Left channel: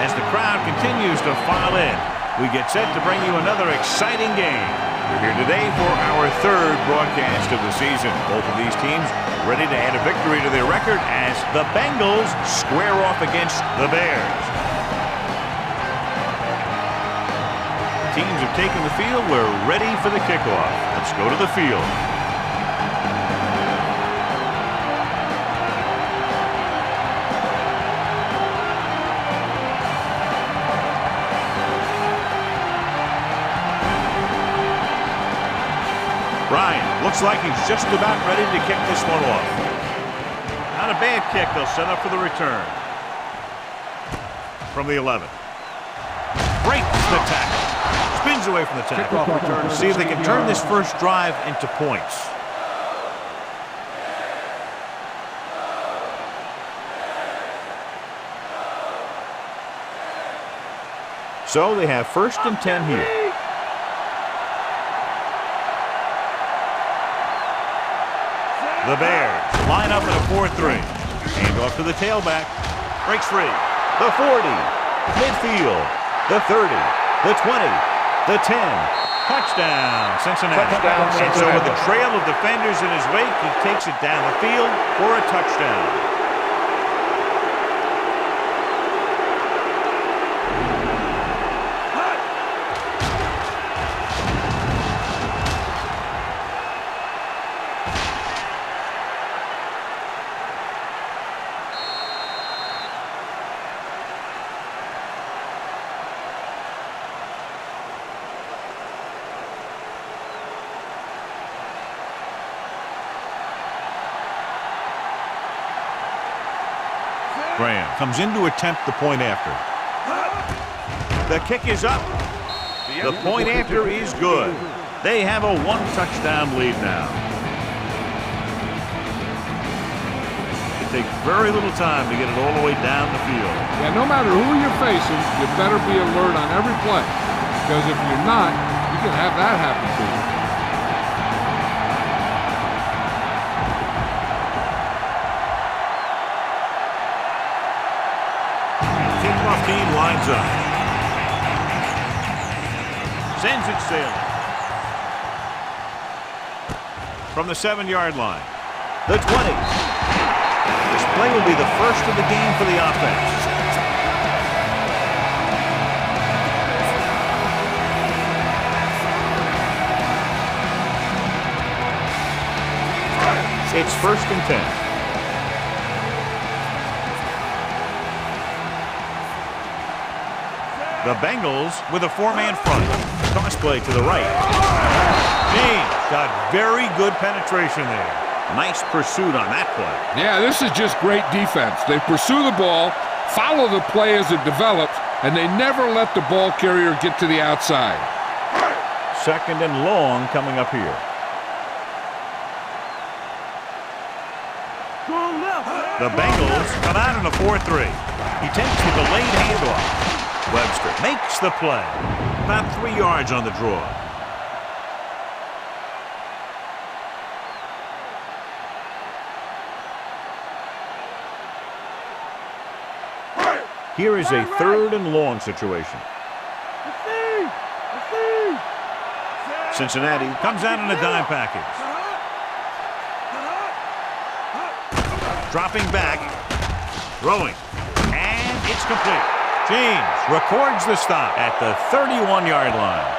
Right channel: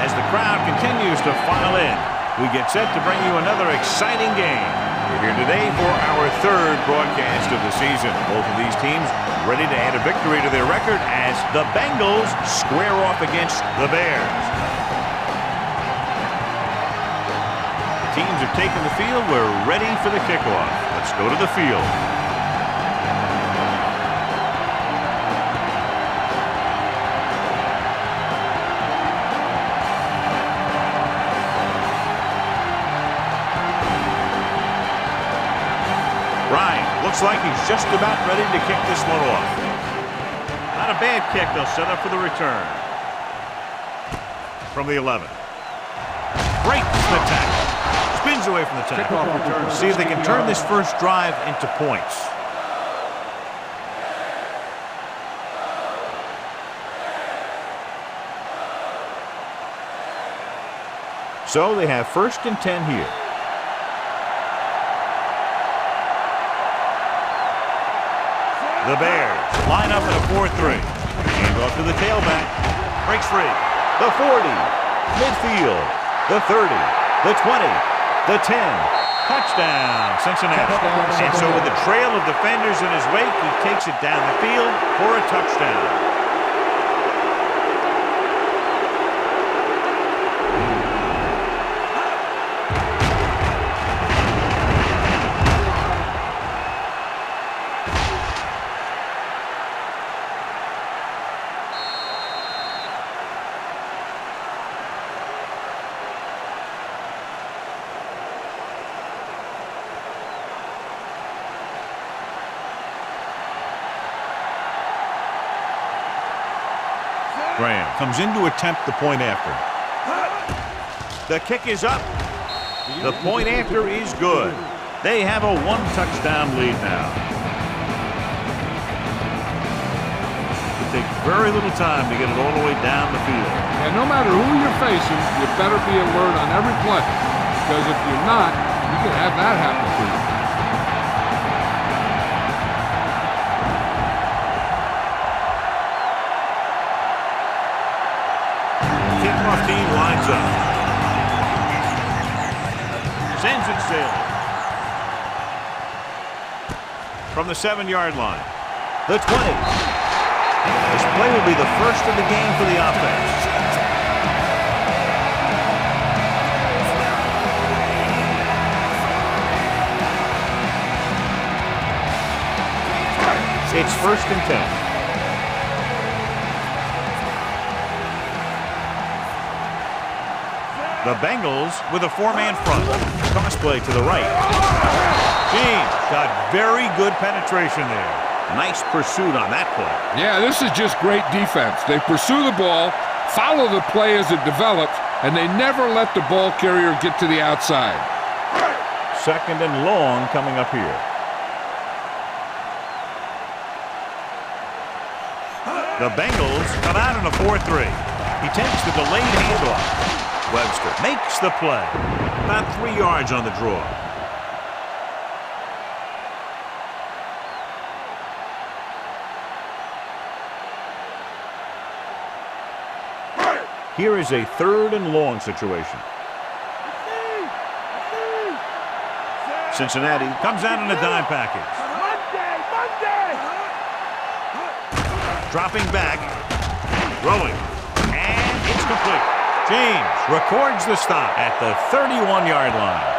As the crowd continues to file in, we get set to bring you another exciting game. We're here today for our third broadcast of the season. Both of these teams ready to add a victory to their record as the Bengals square off against the Bears. The teams have taken the field. We're ready for the kickoff. Let's go to the field. Ryan looks like he's just about ready to kick this one off. Not a bad kick. They'll set up for the return. From the 11. Breaks the tackle. Spins away from the tackle. Kickoff return. See if they can turn this first drive into points. So they have 1st and 10 here. The Bears line up in a 4-3. Hand off to the tailback. Breaks free. The 40. Midfield. The 30. The 20. The 10. Touchdown, Cincinnati. And so with the trail of defenders in his wake, he takes it down the field for a touchdown. Graham comes in to attempt the point after. The kick is up. The point after is good. They have a 1-touchdown lead now. It takes very little time to get it all the way down the field. Yeah, no matter who you're facing, you better be alert on every play. Because if you're not, you can have that happen to you. Kickoff team lines up. Sends it sailing. From the 7-yard line. The 20. This play will be the first of the game for the offense. It's 1st and 10. The Bengals with a 4-man front. Toss play to the right. James got very good penetration there. Nice pursuit on that play. Yeah, this is just great defense. They pursue the ball, follow the play as it develops, and they never let the ball carrier get to the outside. 2nd and long coming up here. The Bengals come out in a 4-3. He takes the delayed handoff. Webster makes the play. About 3 yards on the draw. Here is a 3rd and long situation. Cincinnati comes out in a dime package. Dropping back. Throwing. And it's complete. James records the stop at the 31-yard line.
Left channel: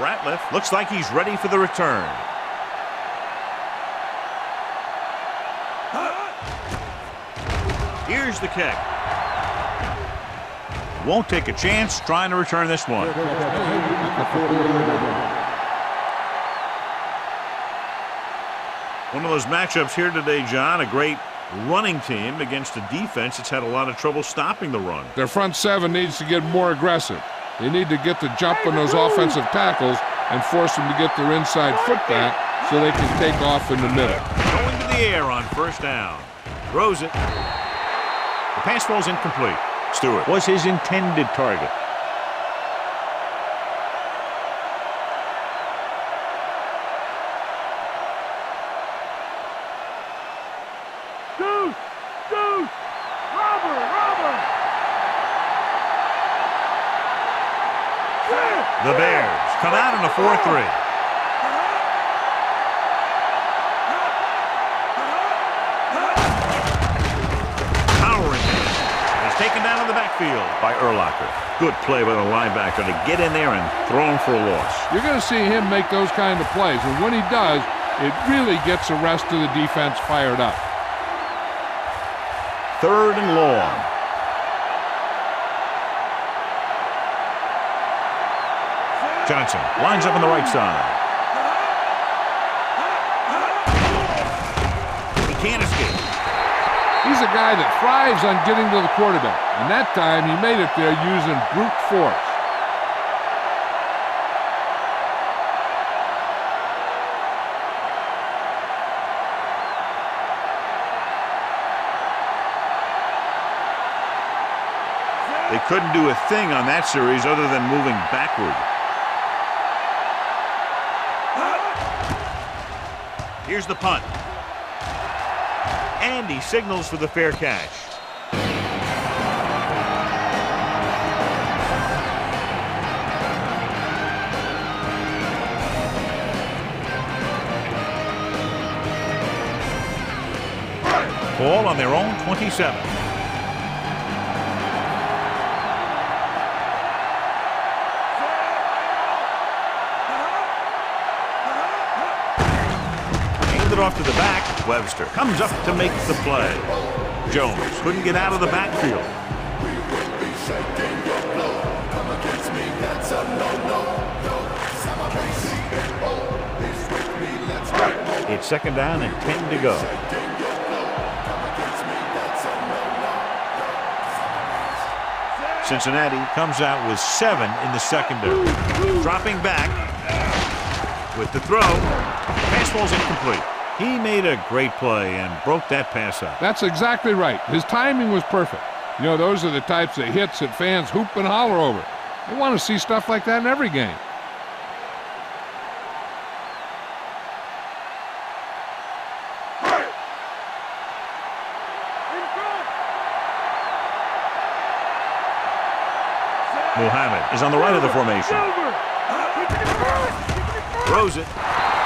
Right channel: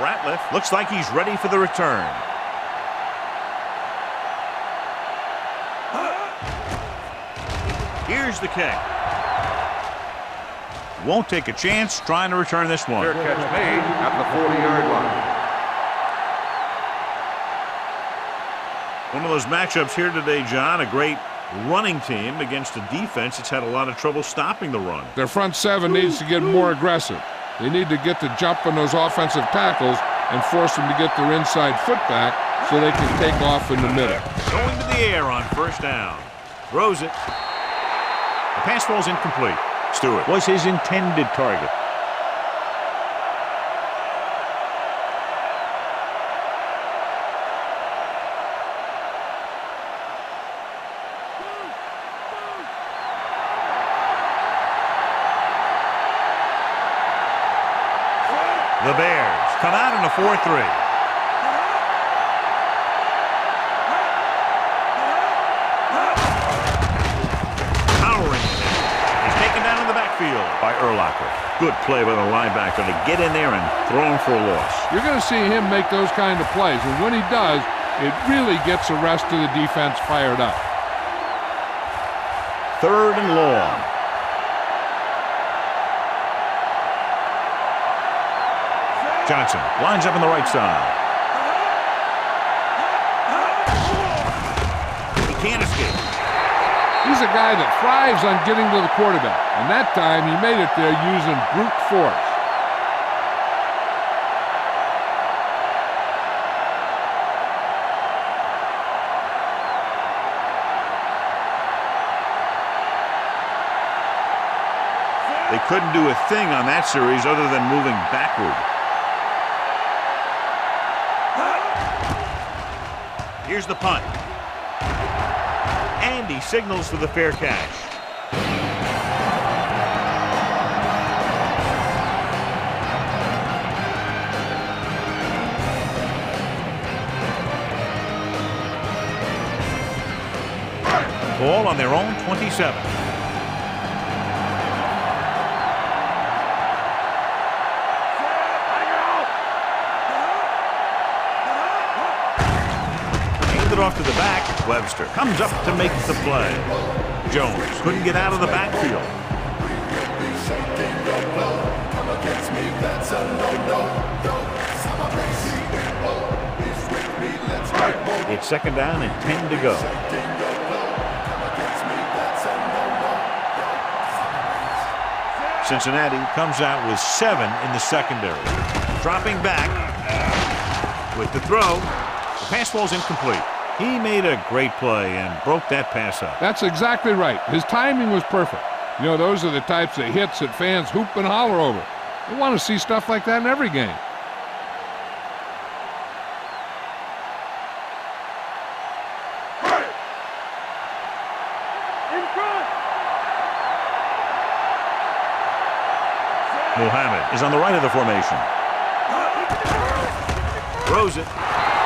Ratliff looks like he's ready for the return. Here's the kick. Won't take a chance trying to return this one. Fair catch made at the 40-yard line. One of those matchups here today, John. A great running team against a defense that's had a lot of trouble stopping the run. Their front 7 needs to get more aggressive. They need to get the jump on those offensive tackles and force them to get their inside foot back so they can take off in the middle. Going to the air on 1st down. Throws it. The pass falls incomplete. Stewart was his intended target. The Bears come out in a 4-3. Taken down in the backfield by Urlacher. Good play by the linebacker to get in there and throw him for a loss. You're going to see him make those kind of plays, and when he does, it really gets the rest of the defense fired up. 3rd and long. Johnson lines up on the right side. He can't escape. He's a guy that thrives on getting to the quarterback, and that time he made it there using brute force. They couldn't do a thing on that series other than moving backward. Here's the punt. And he signals for the fair catch. Ball on their own 27. It off to the back. Webster comes up to make the play. Jones couldn't get out of the backfield. It's 2nd down and 10 to go. Cincinnati comes out with 7 in the secondary. Dropping back with the throw. Pass ball's incomplete. He made a great play and broke that pass up. That's exactly right. His timing was perfect. You know, those are the types of hits that fans hoop and holler over. They want to see stuff like that in every game. Muhammad is on the right of the formation. Throws it.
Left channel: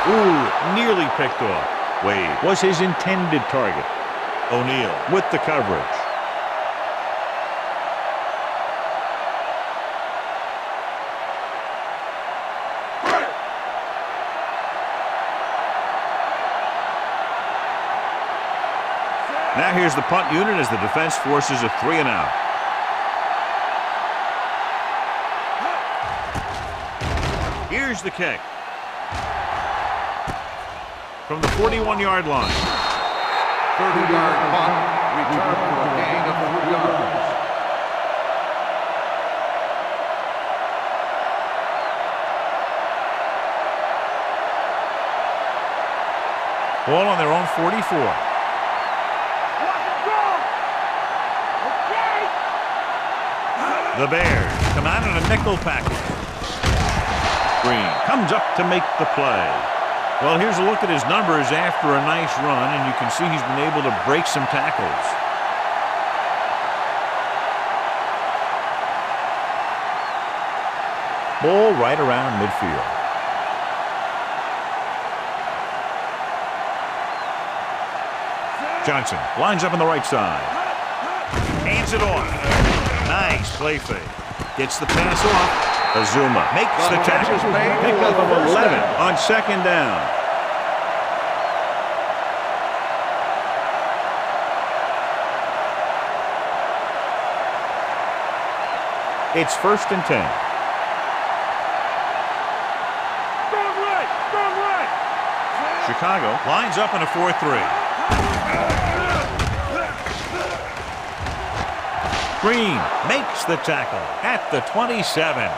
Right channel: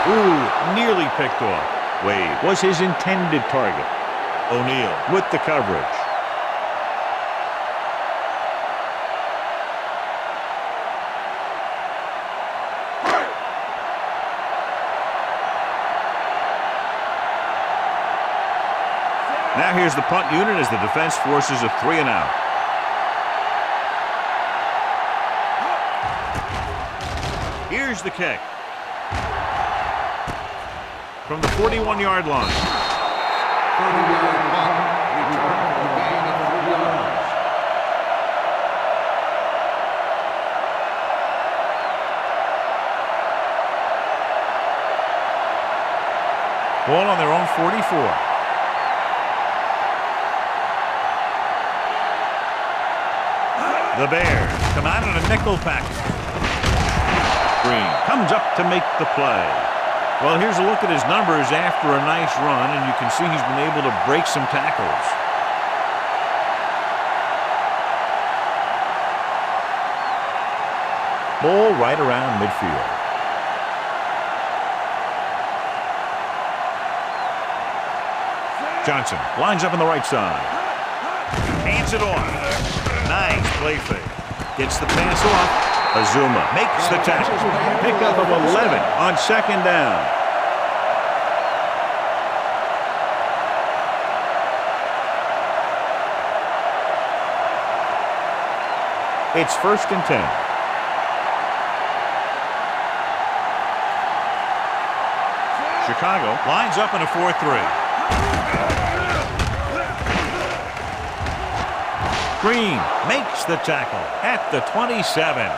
Ooh, nearly picked off. Wade was his intended target. O'Neal with the coverage. Now here's the punt unit as the defense forces a 3-and-out. Here's the kick. From the 41-yard line. 30-yard punt, return for a gain of 3 yards. Ball on their own 44. The Bears come out in a nickel package. Green comes up to make the play. Well, here's a look at his numbers after a nice run, and you can see he's been able to break some tackles. Ball right around midfield. Johnson lines up on the right side. Hands it off. Nice play fake. Gets the pass off. Azuma makes the tackle. Pickup of 11 on 2nd down. It's 1st and 10. Chicago lines up in a 4-3. Green makes the tackle at the 27.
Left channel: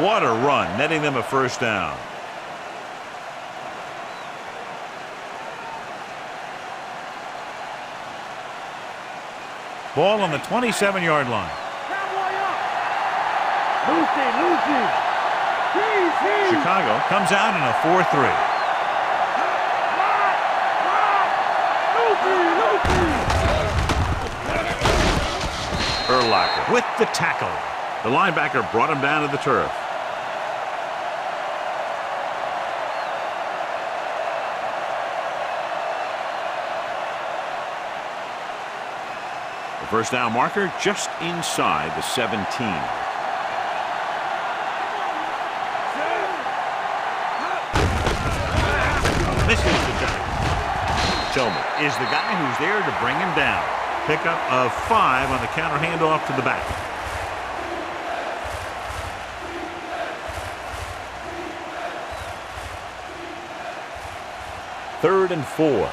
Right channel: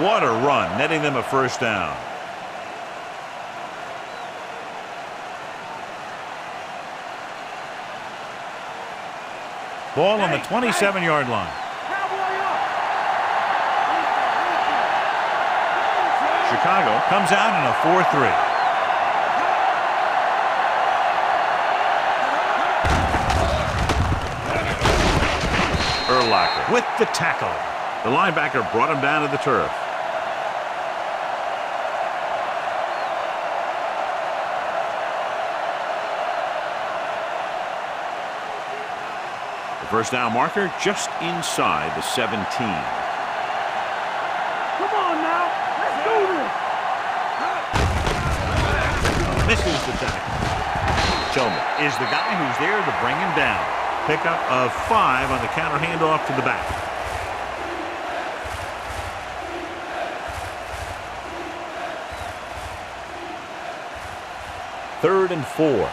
What a run, netting them a 1st down. Ball on the 27-yard line. Chicago comes out in a 4-3. Urlacher with the tackle. The linebacker brought him down to the turf. The first down marker just inside the 17. Misses the tackle. Tillman is the guy who's there to bring him down. Pickup of 5 on the counter handoff to the back. Third and 4.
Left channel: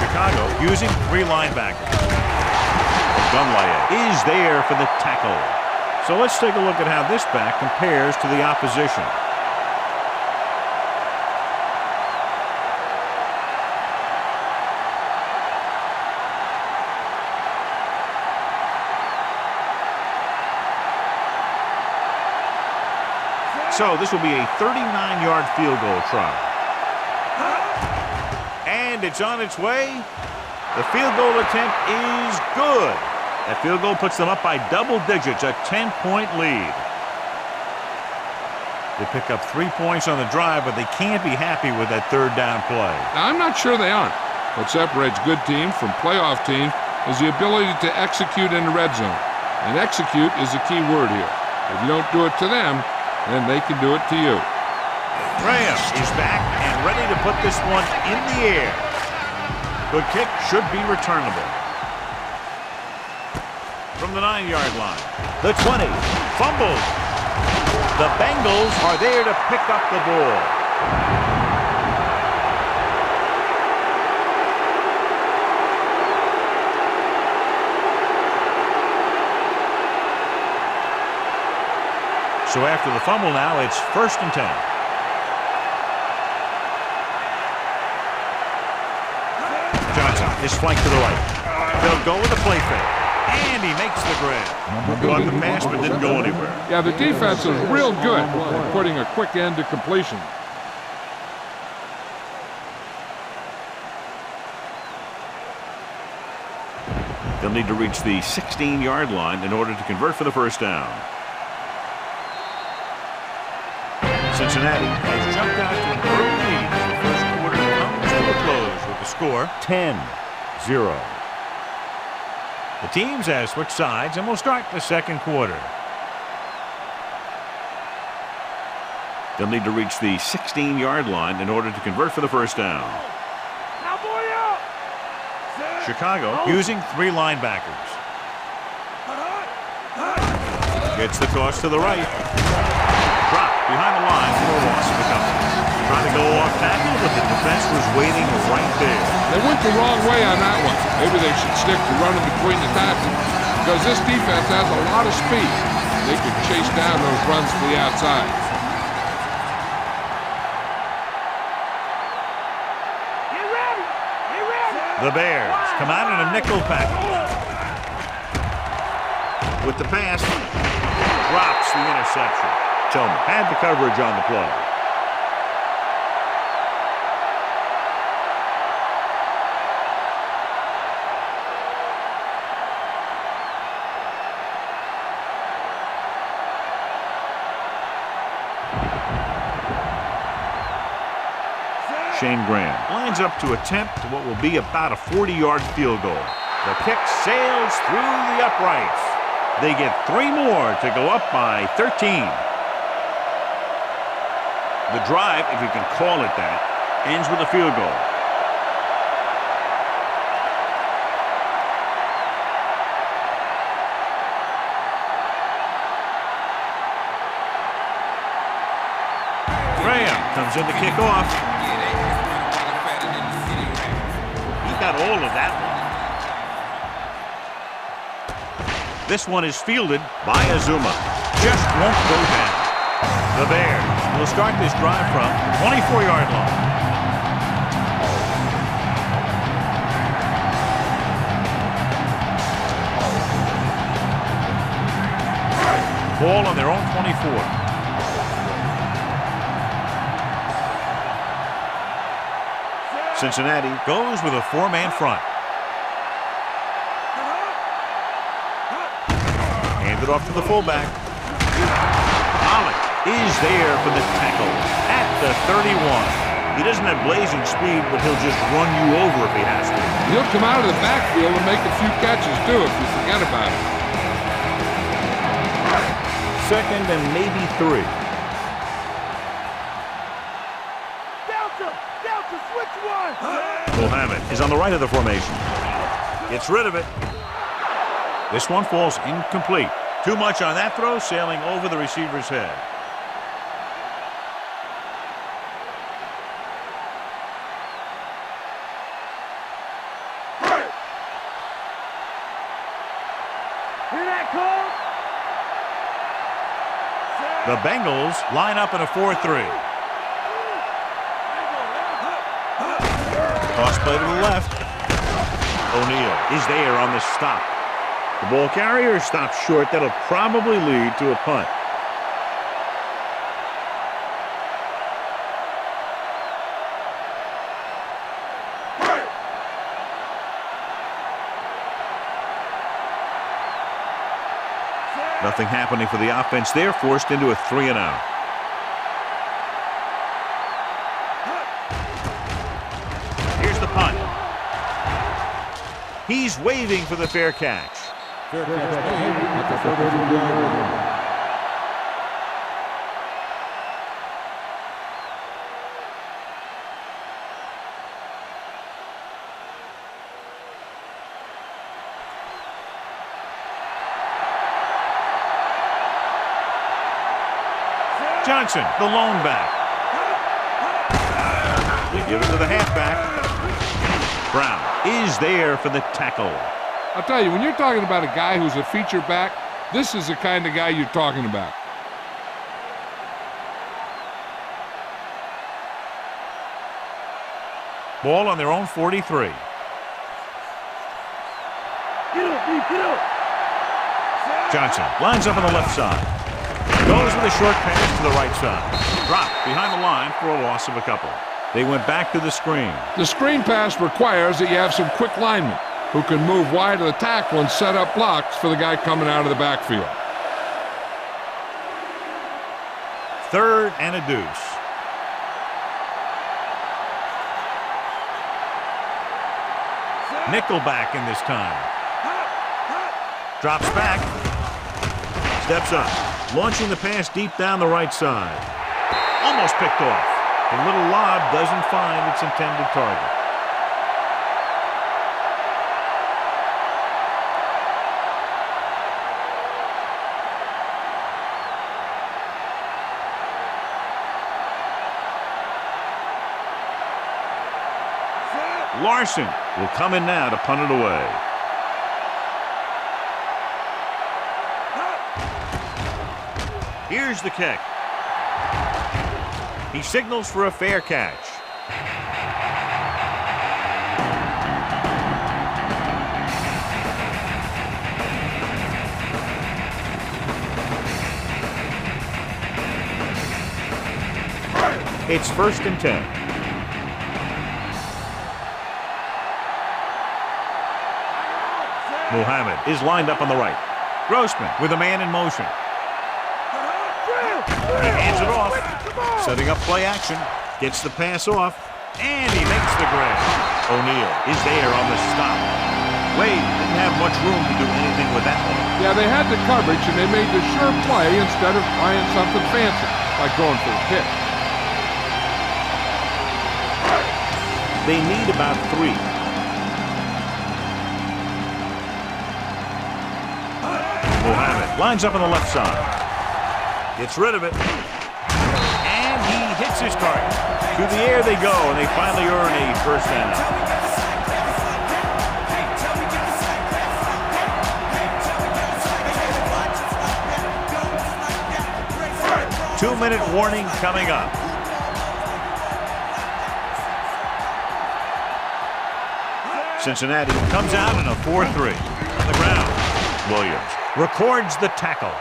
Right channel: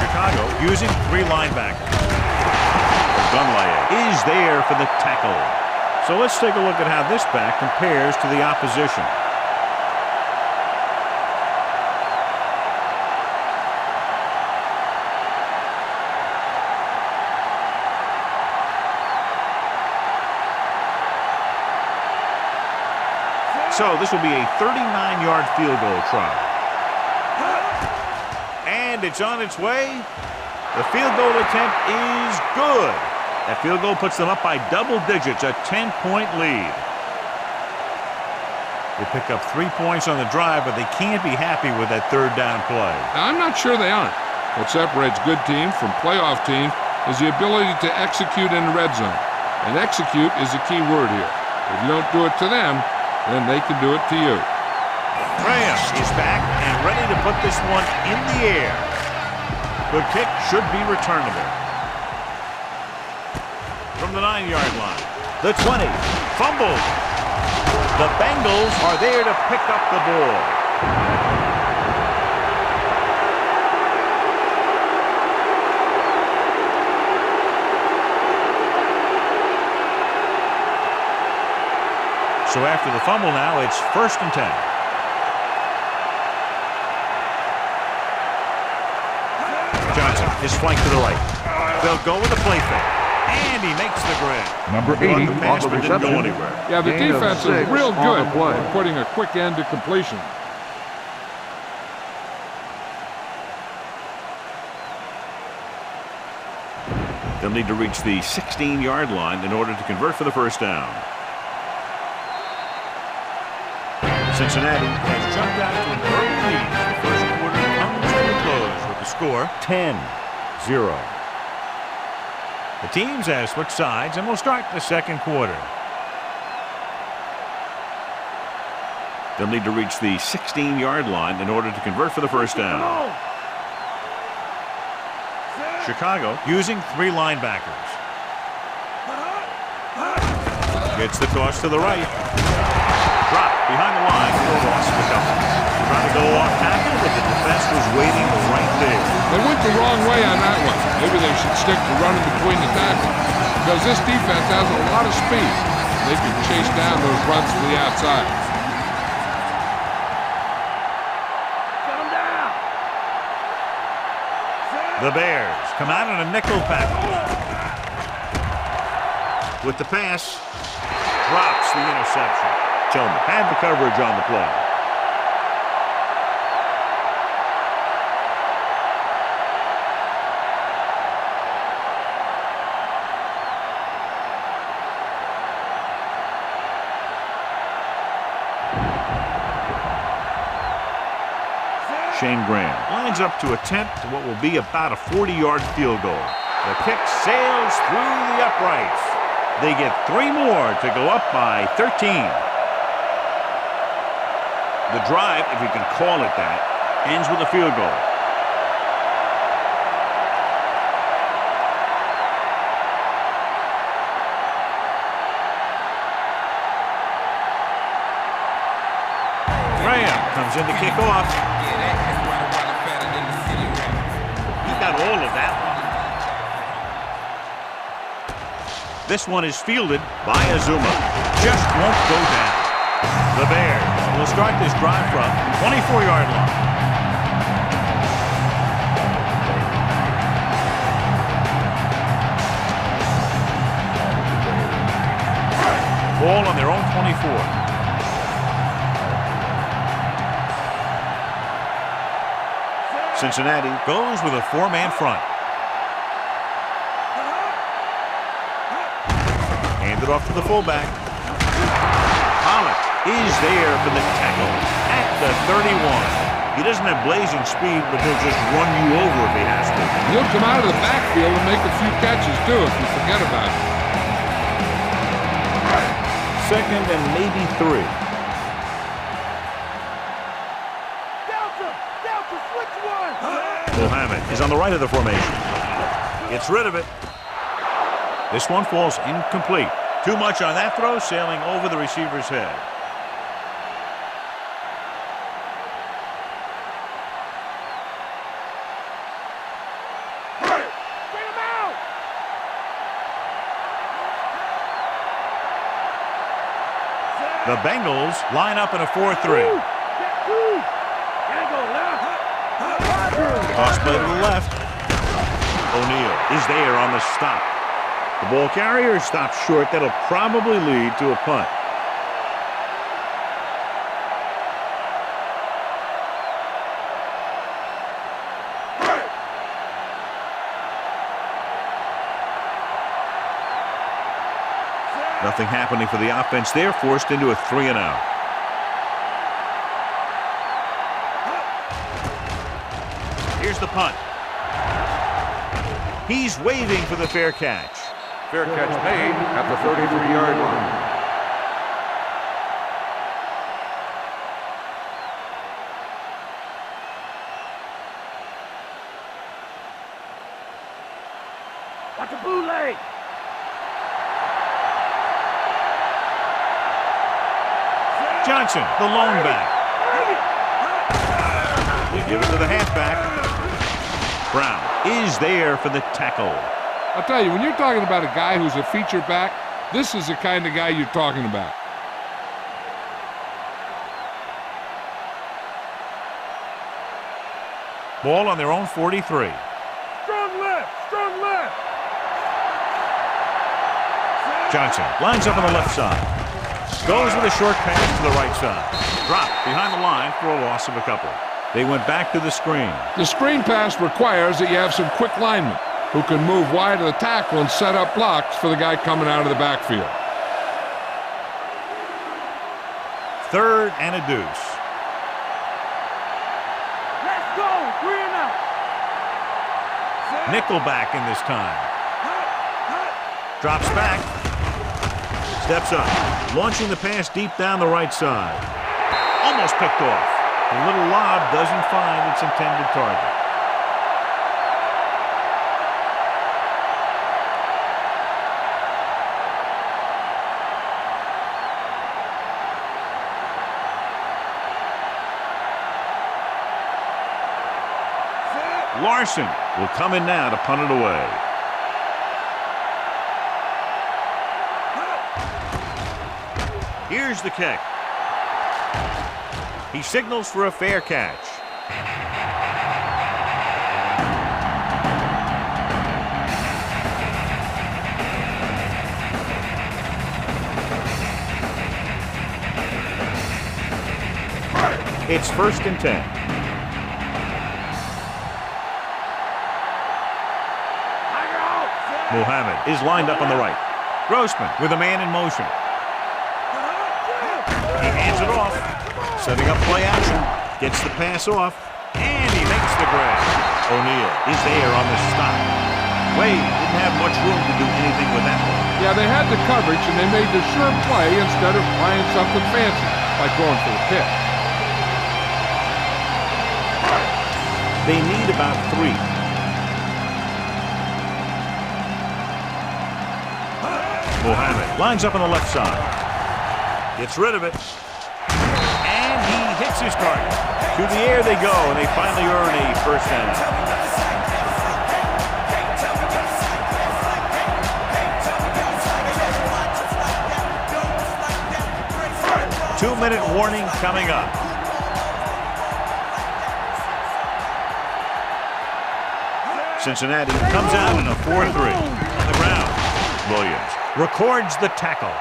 Chicago using 3 linebackers. Gunlaye is there for the tackle. So let's take a look at how this back compares to the opposition. So this will be a 39-yard field goal try. And it's on its way. The field goal attempt is good. That field goal puts them up by double digits, a 10-point lead. They pick up 3 points on the drive, but they can't be happy with that third down play. Now, I'm not sure they aren't. What separates good teams from playoff teams is the ability to execute in the red zone. And execute is the key word here. If you don't do it to them, then they can do it to you. Graham is back and ready to put this one in the air. Good kick, should be returnable. From the 9-yard line, the 20, fumbled. The Bengals are there to pick up the ball. So after the fumble now, it's 1st and 10. Johnson is flanked to the right. They'll go with a play fake. And he makes the grab. Number 80. Caught the pass but didn't go anywhere. Yeah, the defense is real good at putting a quick end to completion. They'll need to reach the 16-yard line in order to convert for the first down. Cincinnati has jumped out to an early lead as the first quarter comes to a close with the score 10-0. The teams have switched sides and will start the second quarter. They'll need to reach the 16-yard line in order to convert for the first down. Chicago using 3 linebackers. Gets the toss to the right. Dropped behind the line for a loss of a couple. Trying to go off tackle, but the defense was waiting right there. They went the wrong way on that one. Maybe they should stick to running between the tackles, because this defense has a lot of speed. They can chase down those runs to the outside. The Bears come out in a nickel package. With the pass, drops the interception. Tillman had the coverage on the play. Shane Graham lines up to attempt what will be about a 40-yard field goal. The kick sails through the uprights. They get 3 more to go up by 13. The drive, if you can call it that, ends with a field goal. Graham comes in to kick off. He got all of that one. This one is fielded by Azuma. Just won't go down. The Bears will start this drive from the 24-yard line. Ball on their own 24. Cincinnati goes with a four-man front. Hand it off to the fullback. Pollock is there for the tackle at the 31. He doesn't have blazing speed, but he'll just run you over if he has to. He'll come out of the backfield and make a few catches, too, if you forget about it. Second and maybe 3. Delta, switch one! Mohammed is on the right of the formation. Gets rid of it. This one falls incomplete. Too much on that throw, sailing over the receiver's head. The Bengals line up in a 4-3. Toss play to the left. O'Neal is there on the stop. The ball carrier stops short. That'll probably lead to a punt. Nothing happening for the offense. They're forced into a 3-and-out. Here's the punt. He's waving for the fair catch. Fair catch made at the 33-yard line. That's a bootleg. Johnson, the lone back. We give it to the halfback. Brown is there for the tackle. I'll tell you, when you're talking about a guy who's a feature back, this is the kind of guy you're talking about. Ball on their own 43. Strong left, strong left. Get up. Johnson lines up on the left side. Goes with a short pass to the right side. Drop behind the line for a loss of a couple. They went back to the screen. The screen pass requires that you have some quick linemen who can move wide of the tackle and set up blocks for the guy coming out of the backfield. Third and a deuce. Let's go. 3-and-out. Nickelback in this time. Drops back. Steps up. Launching the pass deep down the right side. Almost picked off. The little lob doesn't find its intended target. Larson will come in now to punt it away. Here's the kick. He signals for a fair catch. It's 1st and 10. Mohammed is lined up on the right. Grossman with a man in motion. He hands it off. Setting up play action. Gets the pass off. And he makes the grab. O'Neal is there on the stop. Wade didn't have much room to do anything with that one. Yeah, they had the coverage, and they made the sure play instead of trying something fancy, like going for the pick. They need about 3. Mohammed lines up on the left side. Gets rid of it. And he hits his target. To the air they go, and they finally earn a first down. Two-minute warning coming up. Cincinnati comes out in a 4-3. On the ground, Williams records the tackle.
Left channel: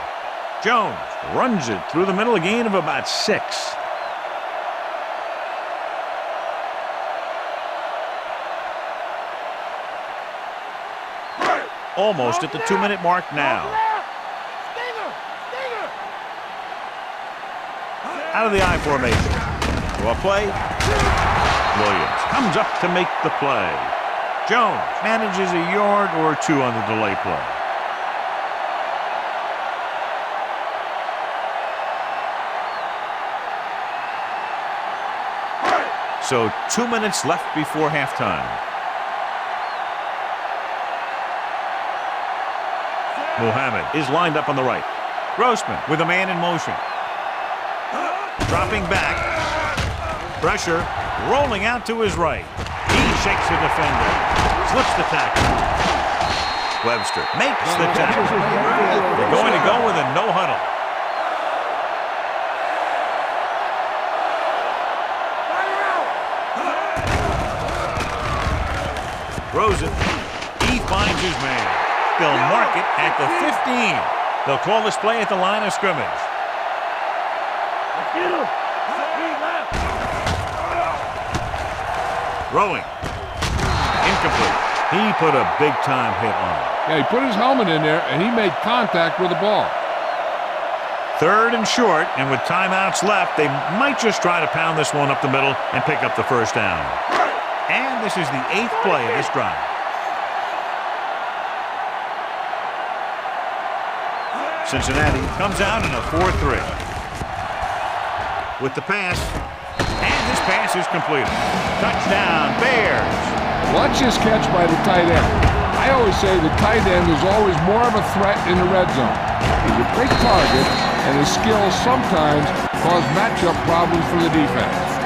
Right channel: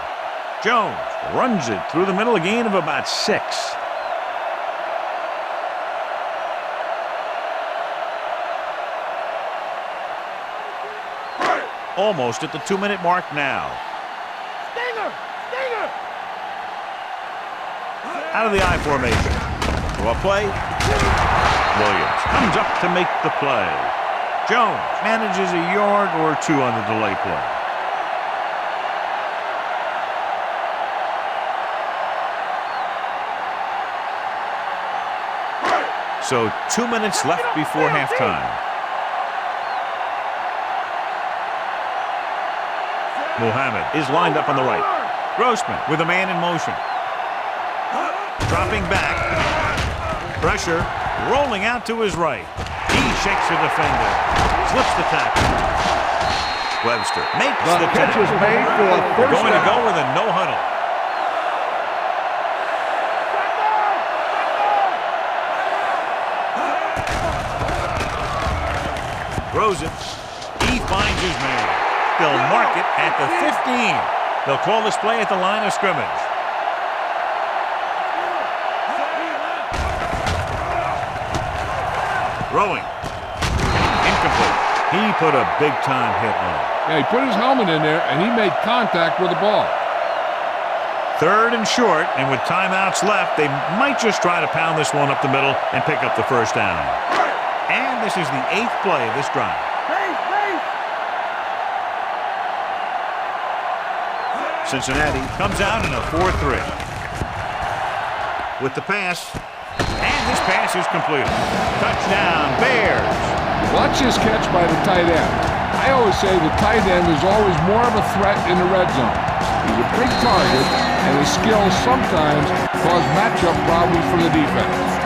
Jones runs it through the middle, a gain of about 6. Almost at the 2-minute mark now. Stinger! Stinger! Out of the I formation. Throw a play. Williams comes up to make the play. Jones manages a yard or 2 on the delay play. So 2 minutes left before halftime. Muhammad is lined up on the right. Grossman with a man in motion. Dropping back. Pressure. Rolling out to his right. He shakes the defender. Slips the tackle. Webster makes the tackle. They're going to go with a no huddle. Throws it. He finds his man. They'll mark it at the 15. They'll call this play at the line of scrimmage. Throwing. Incomplete. He put a big-time hit on him. Yeah, he put his helmet in there, and he made contact with the ball. 3rd and short, and with timeouts left, they might just try to pound this one up the middle and pick up the first down. And this is the 8th play of this drive. Cincinnati comes out in a 4-3. With the pass, and this pass is completed. Touchdown, Bears. Watch this catch by the tight end. I always say the tight end is always more of a threat in the red zone. He's a big target, and his skills sometimes cause matchup problems for the defense.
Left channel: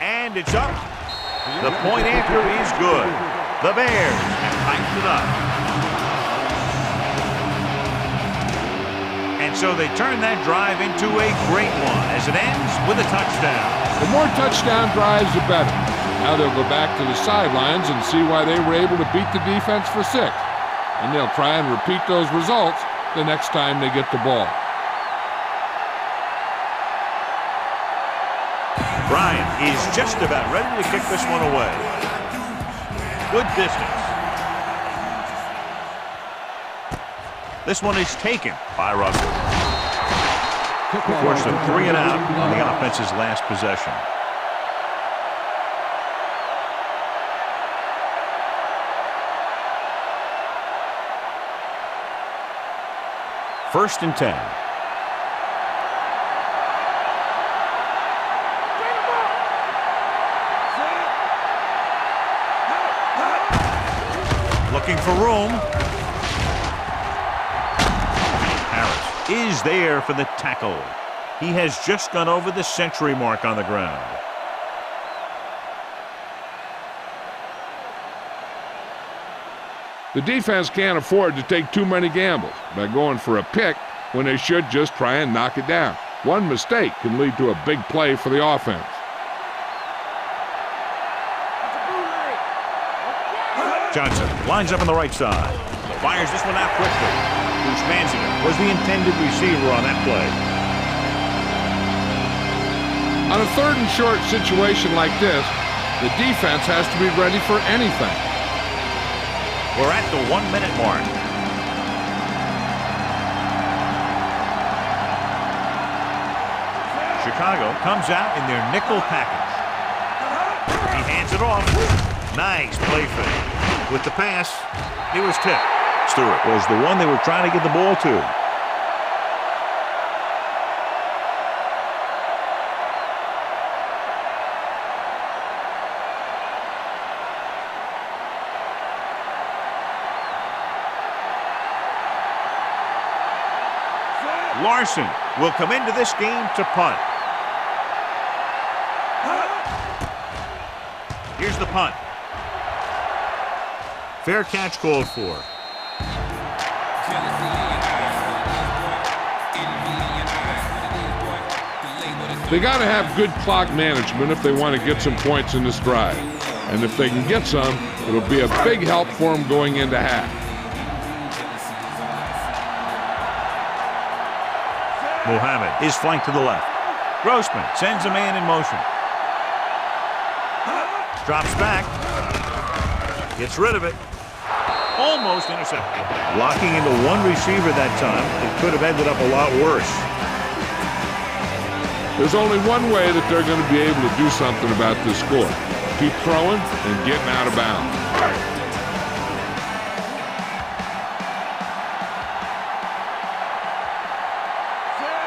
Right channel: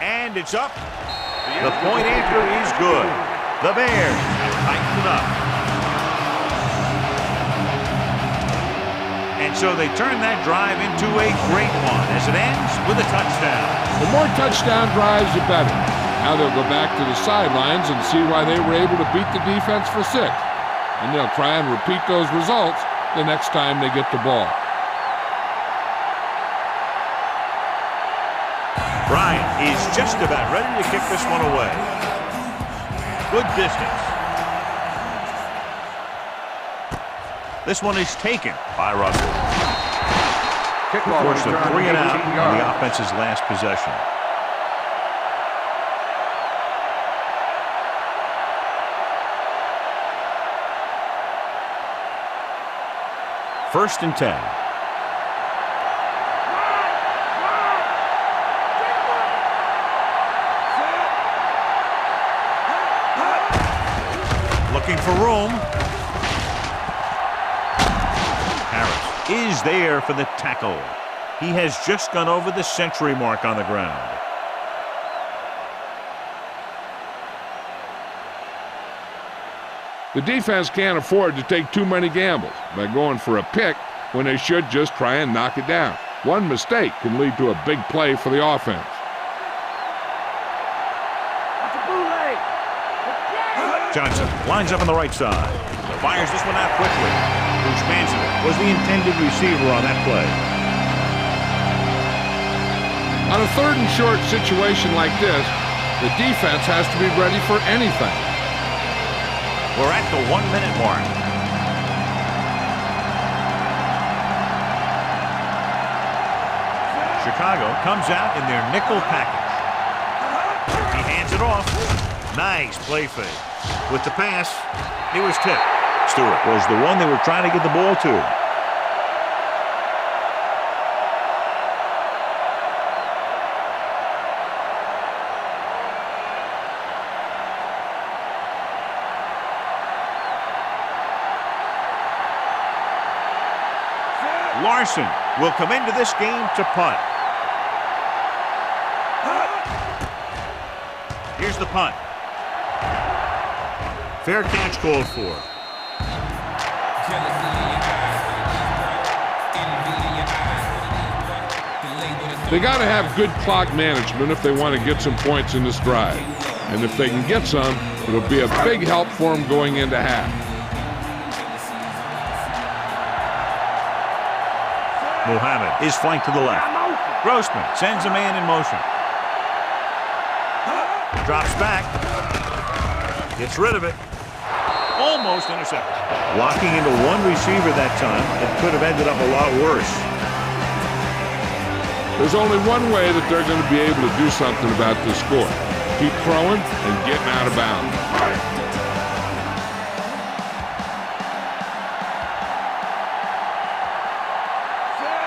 And it's up. The point after is good. The Bears have tightened it up. And so they turn that drive into a great one as it ends with a touchdown. The more touchdown drives, the better. Now they'll go back to the sidelines and see why they were able to beat the defense for 6. And they'll try and repeat those results the next time they get the ball. Bryant is just about ready to kick this one away. Good distance. This one is taken by Russell. Forced a 3 and out on the offense's last possession. First and 10. Looking for room. Harris is there for the tackle. He has just gone over the century mark on the ground. The defense can't afford to take too many gambles by going for a pick when they should just try and knock it down. One mistake can lead to a big play for the offense. Johnson lines up on the right side. Fires this one out quickly. Bruce Manzita was the intended receiver on that play. On a 3rd and short situation like this, the defense has to be ready for anything. We're at the 1-minute mark. Chicago comes out in their nickel package. He hands it off. Nice play fake. With the pass, he was tipped. Stewart was the one they were trying to get the ball to. Larson will come into this game to punt. the punt. Fair catch called for. They got to have good clock management if they want to get some points in this drive. And if they can get some, it'll be a big help for them going into half. Muhammad is flanked to the left. Grossman sends a man in motion. Drops back. Gets rid of it. Almost intercepted. Locking into one receiver that time. It could have ended up a lot worse. There's only one way that they're going to be able to do something about this score. Keep throwing and getting out of bounds.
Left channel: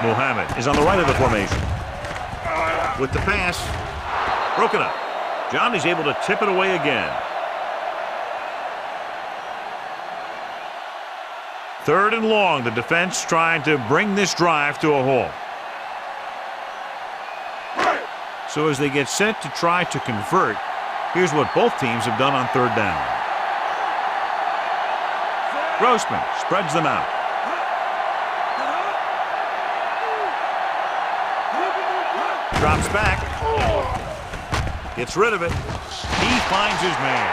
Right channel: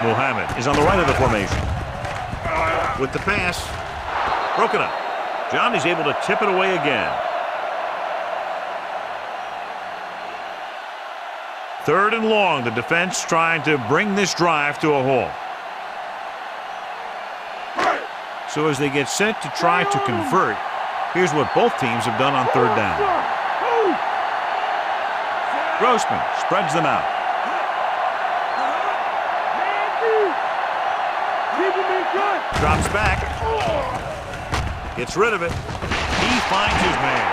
Muhammad is on the right of the formation. With the pass. Broken up. John is able to tip it away again. Third and long. The defense trying to bring this drive to a halt. So as they get set to try to convert, here's what both teams have done on third down. Grossman spreads them out. Drops back. Gets rid of it. He finds his man.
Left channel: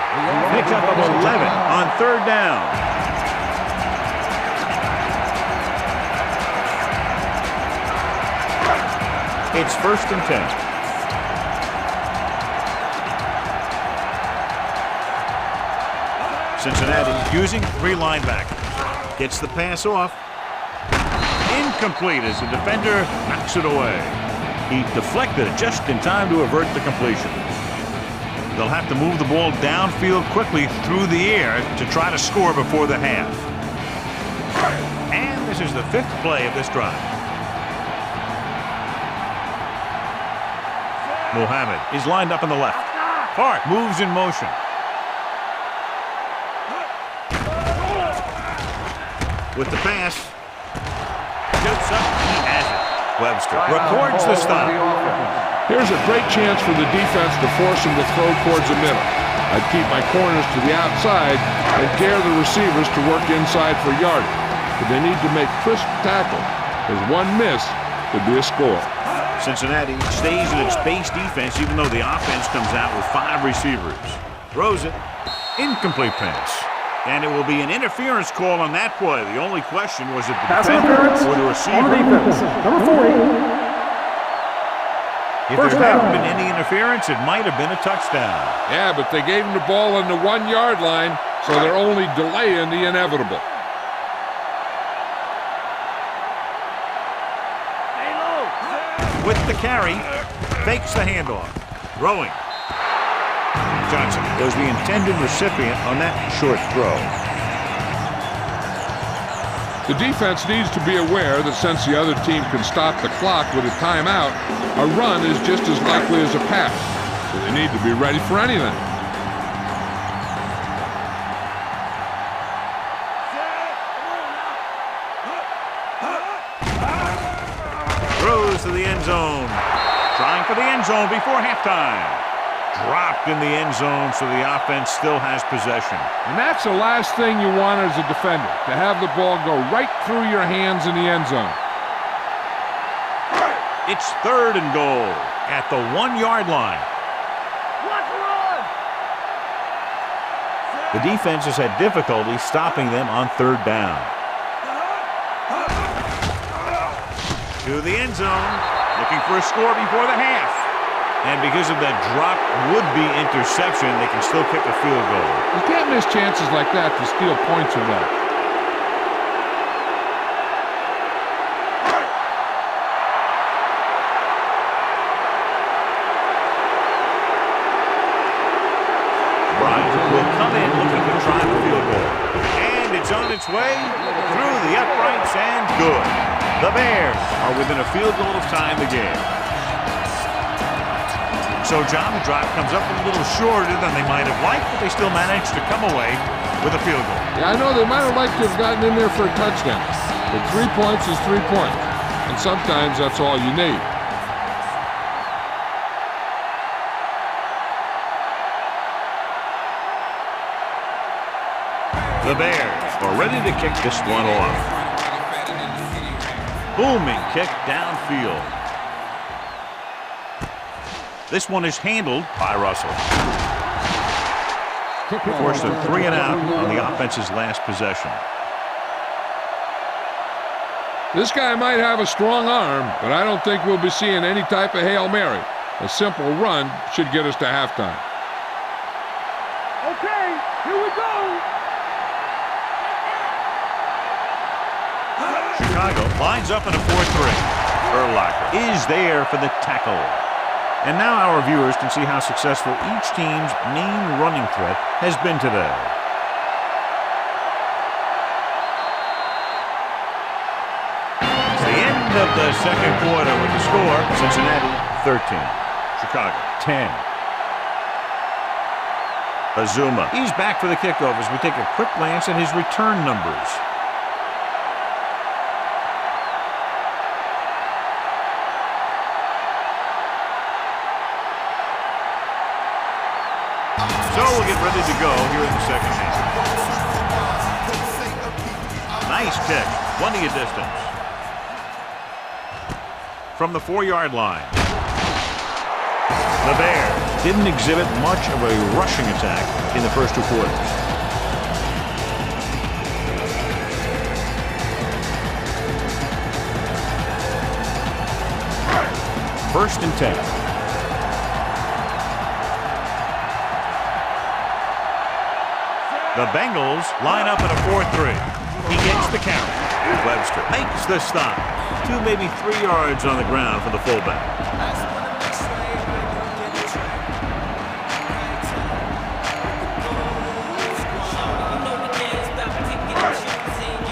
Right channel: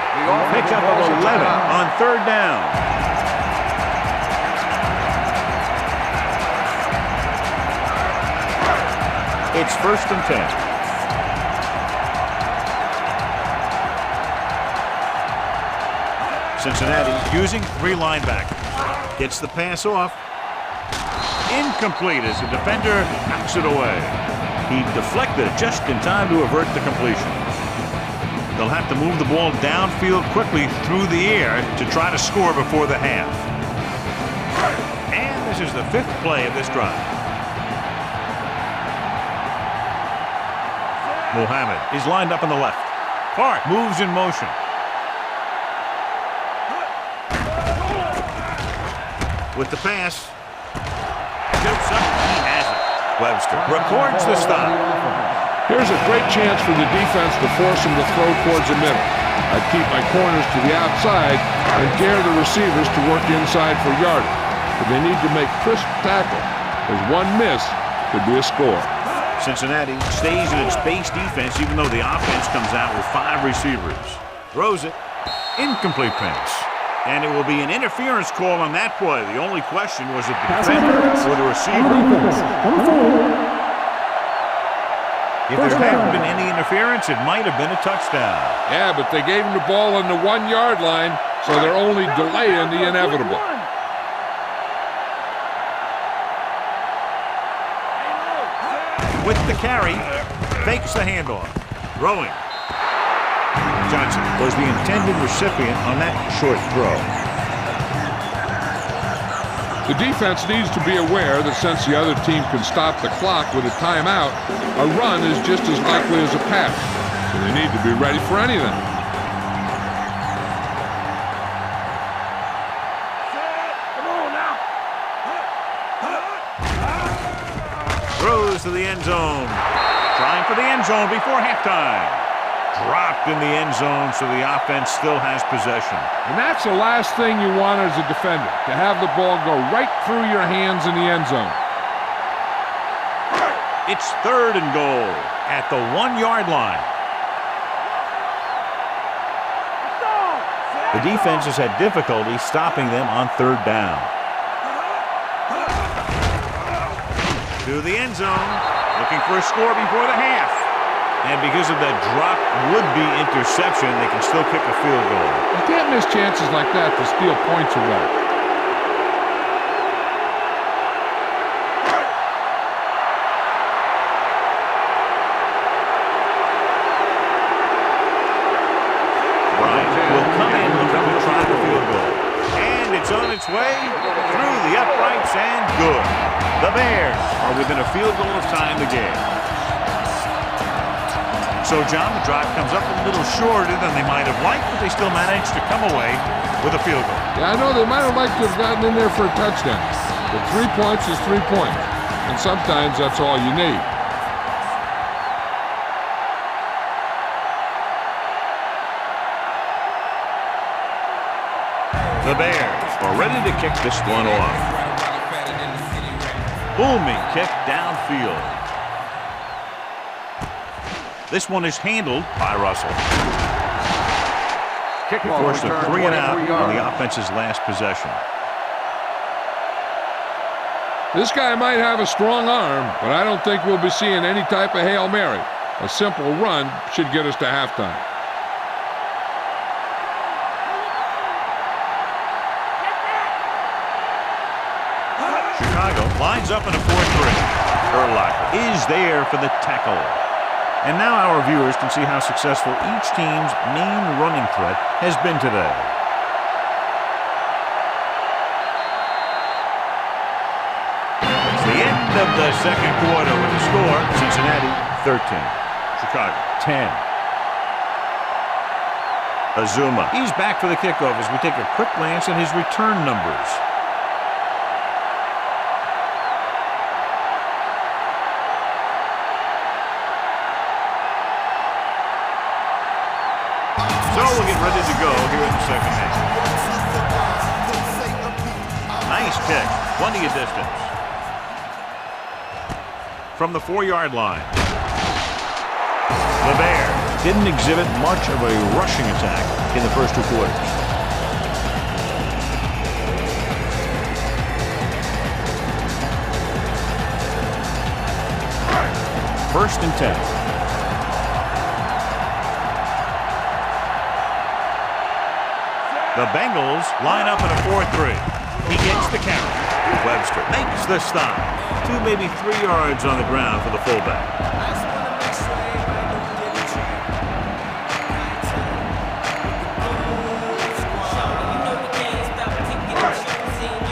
Pickup of 11 on third down. It's 1st and 10. Cincinnati using 3 linebackers. Gets the pass off. Incomplete as the defender knocks it away. He deflected it just in time to avert the completion. They'll have to move the ball downfield quickly through the air to try to score before the half. And this is the 5th play of this drive. Muhammad is lined up on the left. Hart moves in motion. With the pass. Jumps up. He has it. Webster records the stop. Here's a great chance for the defense to force him to throw towards the middle. I'd keep my corners to the outside and dare the receivers to work inside for yardage. But they need to make crisp tackle, as one miss could be a score. Cincinnati stays in its base defense even though the offense comes out with 5 receivers. Throws it. Incomplete pass. And it will be an interference call on that play. The only question was it the defender or the receiver. If there hadn't been any interference, it might have been a touchdown. Yeah, but they gave him the ball on the 1-yard line, so they're only delaying the inevitable. With the carry, fakes the handoff. Throwing. Johnson was the intended recipient on that short throw. The defense needs to be aware that since the other team can stop the clock with a timeout, a run is just as likely as a pass. So they need to be ready for anything. Throws to the end zone. Trying for the end zone before halftime. Dropped in the end zone, so the offense still has possession. And that's the last thing you want as a defender, to have the ball go right through your hands in the end zone. It's 3rd and goal at the 1-yard line. The defense has had difficulty stopping them on 3rd down. To the end zone, looking for a score before the half. And because of that drop would-be interception, they can still kick a field goal. You can't miss chances like that to steal points away. Bryant will come in looking to try the field goal. And it's on its way through the uprights and good. The Bears are within a field goal of tying the game. So, John, the drive comes up a little shorter than they might have liked, but they still managed to come away with a field goal. Yeah, I know they might have liked to have gotten in there for a touchdown, but 3 points is 3 points, and sometimes that's all you need. The Bears are ready to kick this one off. Booming kick downfield. This one is handled by Russell. He forced a 3 and out on the offense's last possession. This guy might have a strong arm, but I don't think we'll be seeing any type of Hail Mary. A simple run should get us to halftime. Okay, here we go. Take that. Chicago lines up in a 4-3. Urlacher is there for the tackle. And now our viewers can see how successful each team's main running threat has been today. It's the end of the second quarter with the score, Cincinnati 13, Chicago 10. Azuma, he's back for the kickoff as we take a quick glance at his return numbers. So we'll get ready to go here in the second half. Nice kick, plenty of distance. From the 4-yard line. The Bears didn't exhibit much of a rushing attack in the first 2 quarters. First and 10. The Bengals line up in a 4-3. He gets the count. Webster makes the stop. 2, maybe 3 yards on the ground for the fullback.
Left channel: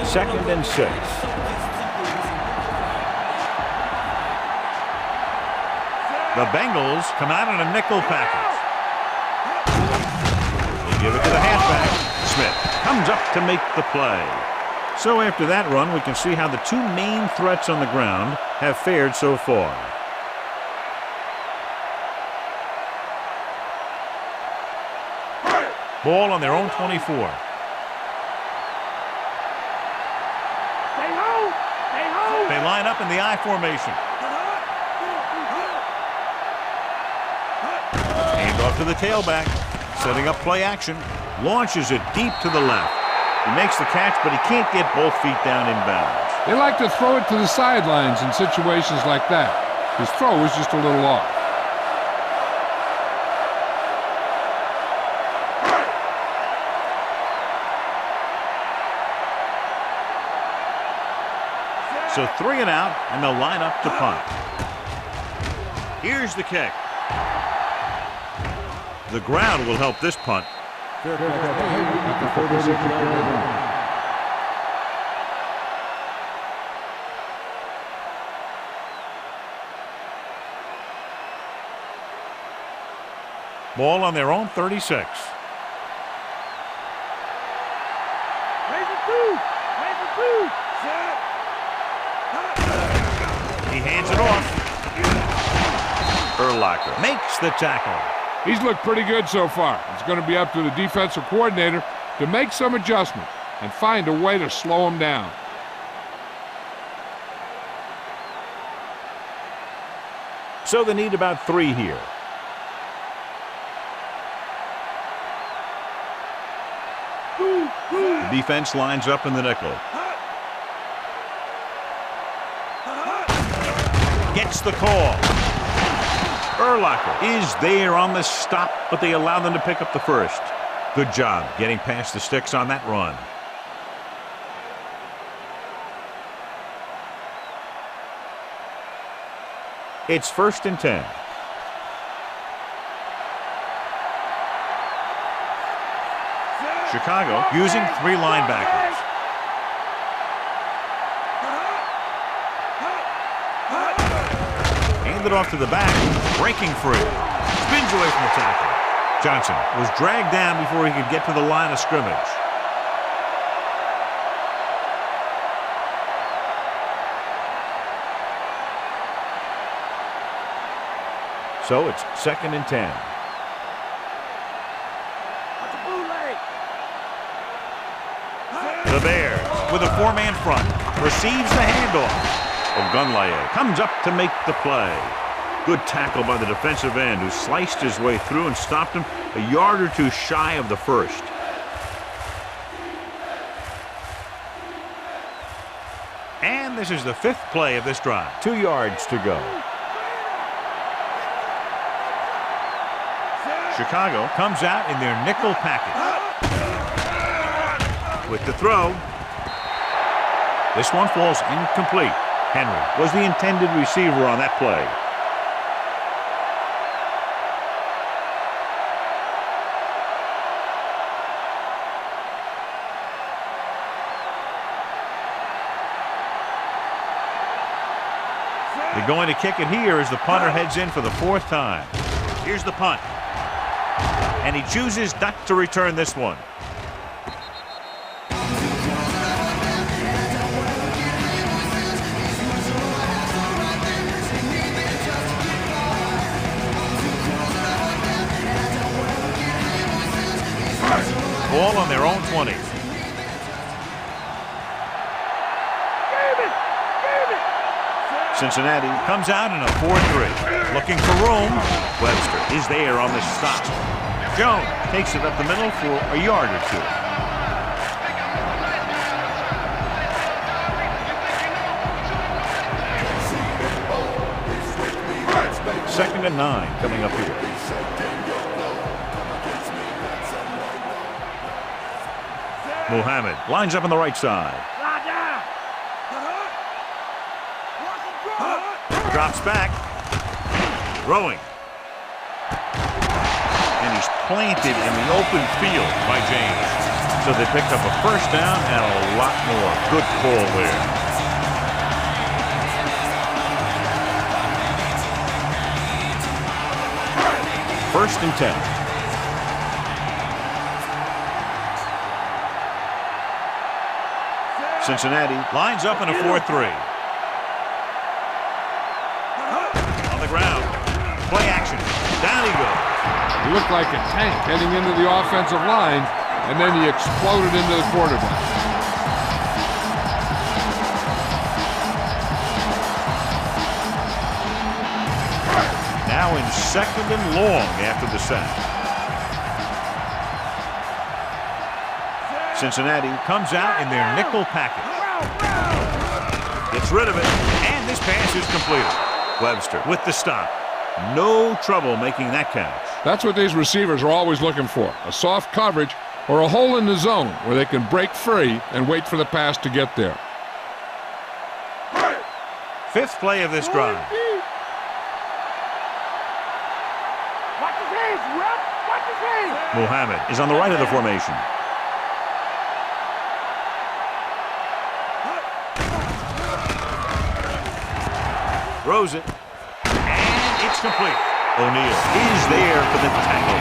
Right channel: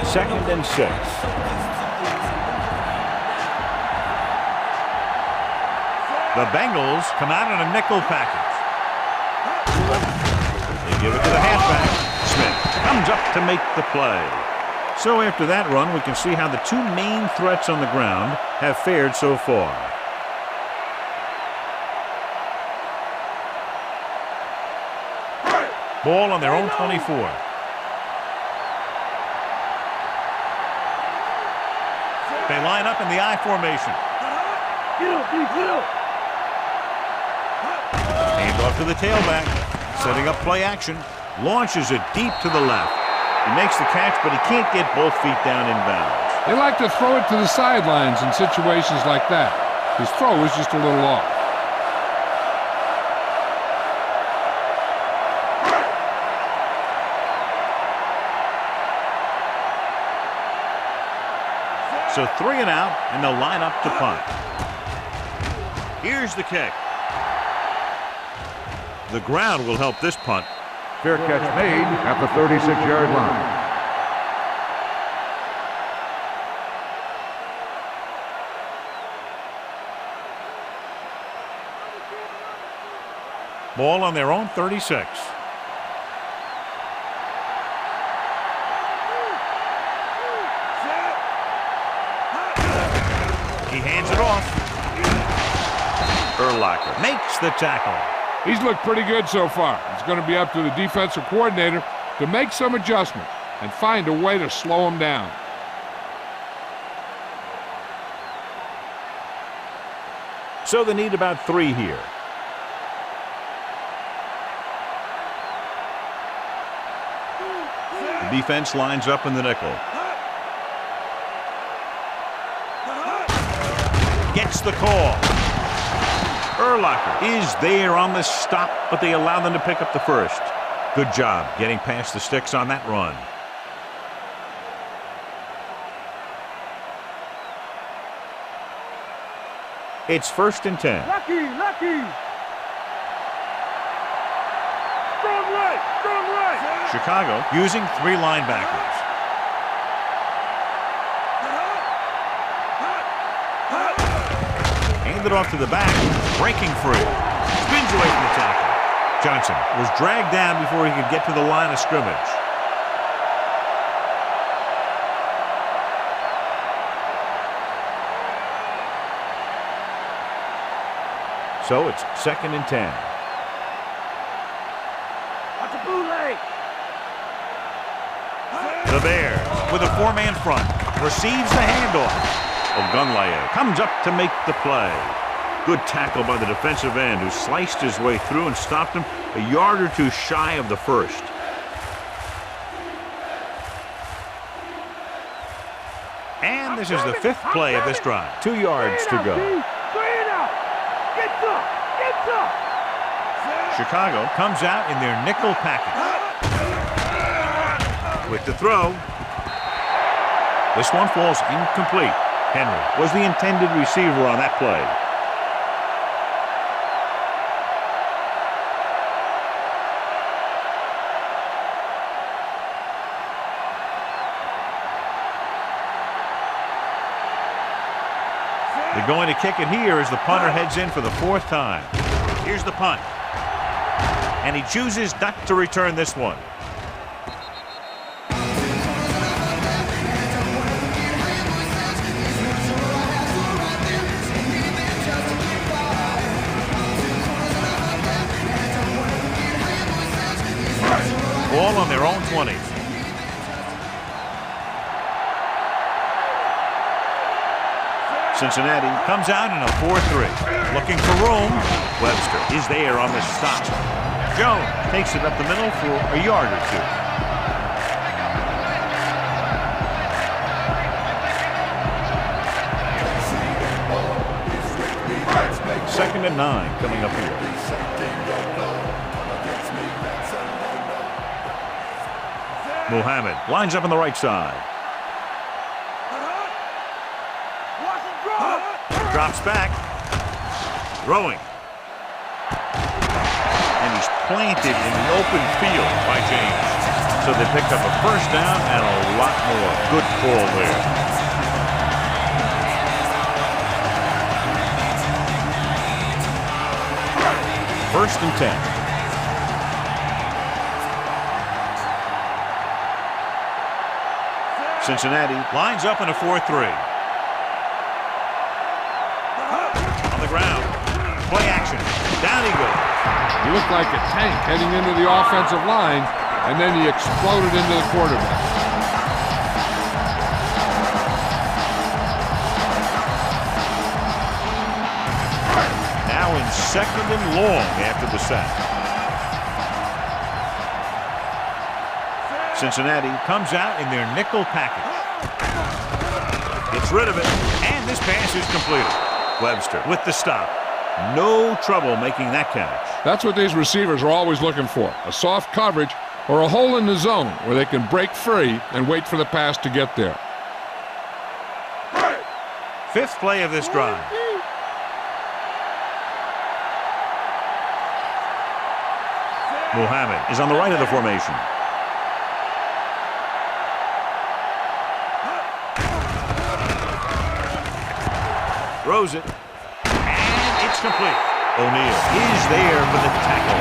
Second and 6. The Bengals come out in a nickel package. They give it to the halfback. Smith comes up to make the play. So after that run, we can see how the 2 main threats on the ground have fared so far. Ball on their own 24. They line up in the I formation. Hand off to the tailback. Setting up play action. Launches it deep to the left. He makes the catch, but he can't get both feet down inbounds. They like to throw it to the sidelines in situations like that. His throw was just a little off. So 3 and out, and they'll line up to punt. Here's the kick. The ground will help this punt. Fair catch made at the 36-yard line. Ball on their own 36. He hands it off. Urlacher makes the tackle. He's looked pretty good so far. It's going to be up to the defensive coordinator to make some adjustments and find a way to slow him down. So they need about 3 here. The defense lines up in the nickel. Gets the call. Urlacher is there on the stop, but they allow them to pick up the first. Good job getting past the sticks on that run. It's first and 10. Lucky. Strong right. Chicago using 3 linebackers. Hand it off to the back, breaking free. Spins away from the tackle. Johnson was dragged down before he could get to the line of scrimmage. So it's second and 10. Watch the bootleg. The Bears with a four-man front. Receives the handoff. Ogunlaye comes up to make the play. Good tackle by the defensive end who sliced his way through and stopped him a yard or two shy of the first. And this is the fifth play of this drive. 2 yards to go. Chicago comes out in their nickel package. With the throw. This one falls incomplete. Henry was the intended receiver on that play. They're going to kick it here as the punter heads in for the fourth time. Here's the punt. And he chooses not to return this one. Ball on their own 20. Cincinnati comes out in a 4-3. Looking for room. Webster is there on the stop. Jones takes it up the middle for a yard or two. Second and 9 coming up here. Muhammad lines up on the right side. Drops back. Throwing. And he's planted in the open field by James. So they picked up a first down and a lot more. Good call there. First and 10. Cincinnati lines up in a 4-3. On the ground. Play action. Down he goes. He looked like a tank heading into the offensive line, and then he exploded into the quarterback. Now in second and long after the sack. Cincinnati comes out in their nickel package. Gets rid of it, and this pass is completed. Webster with the stop. No trouble making that catch. That's what these receivers are always looking for, a soft coverage or a hole in the zone where they can break free and wait for the pass to get there. Fifth play of this drive. Muhammad is on the right of the formation. Throws it, and it's complete. O'Neal is there for the tackle.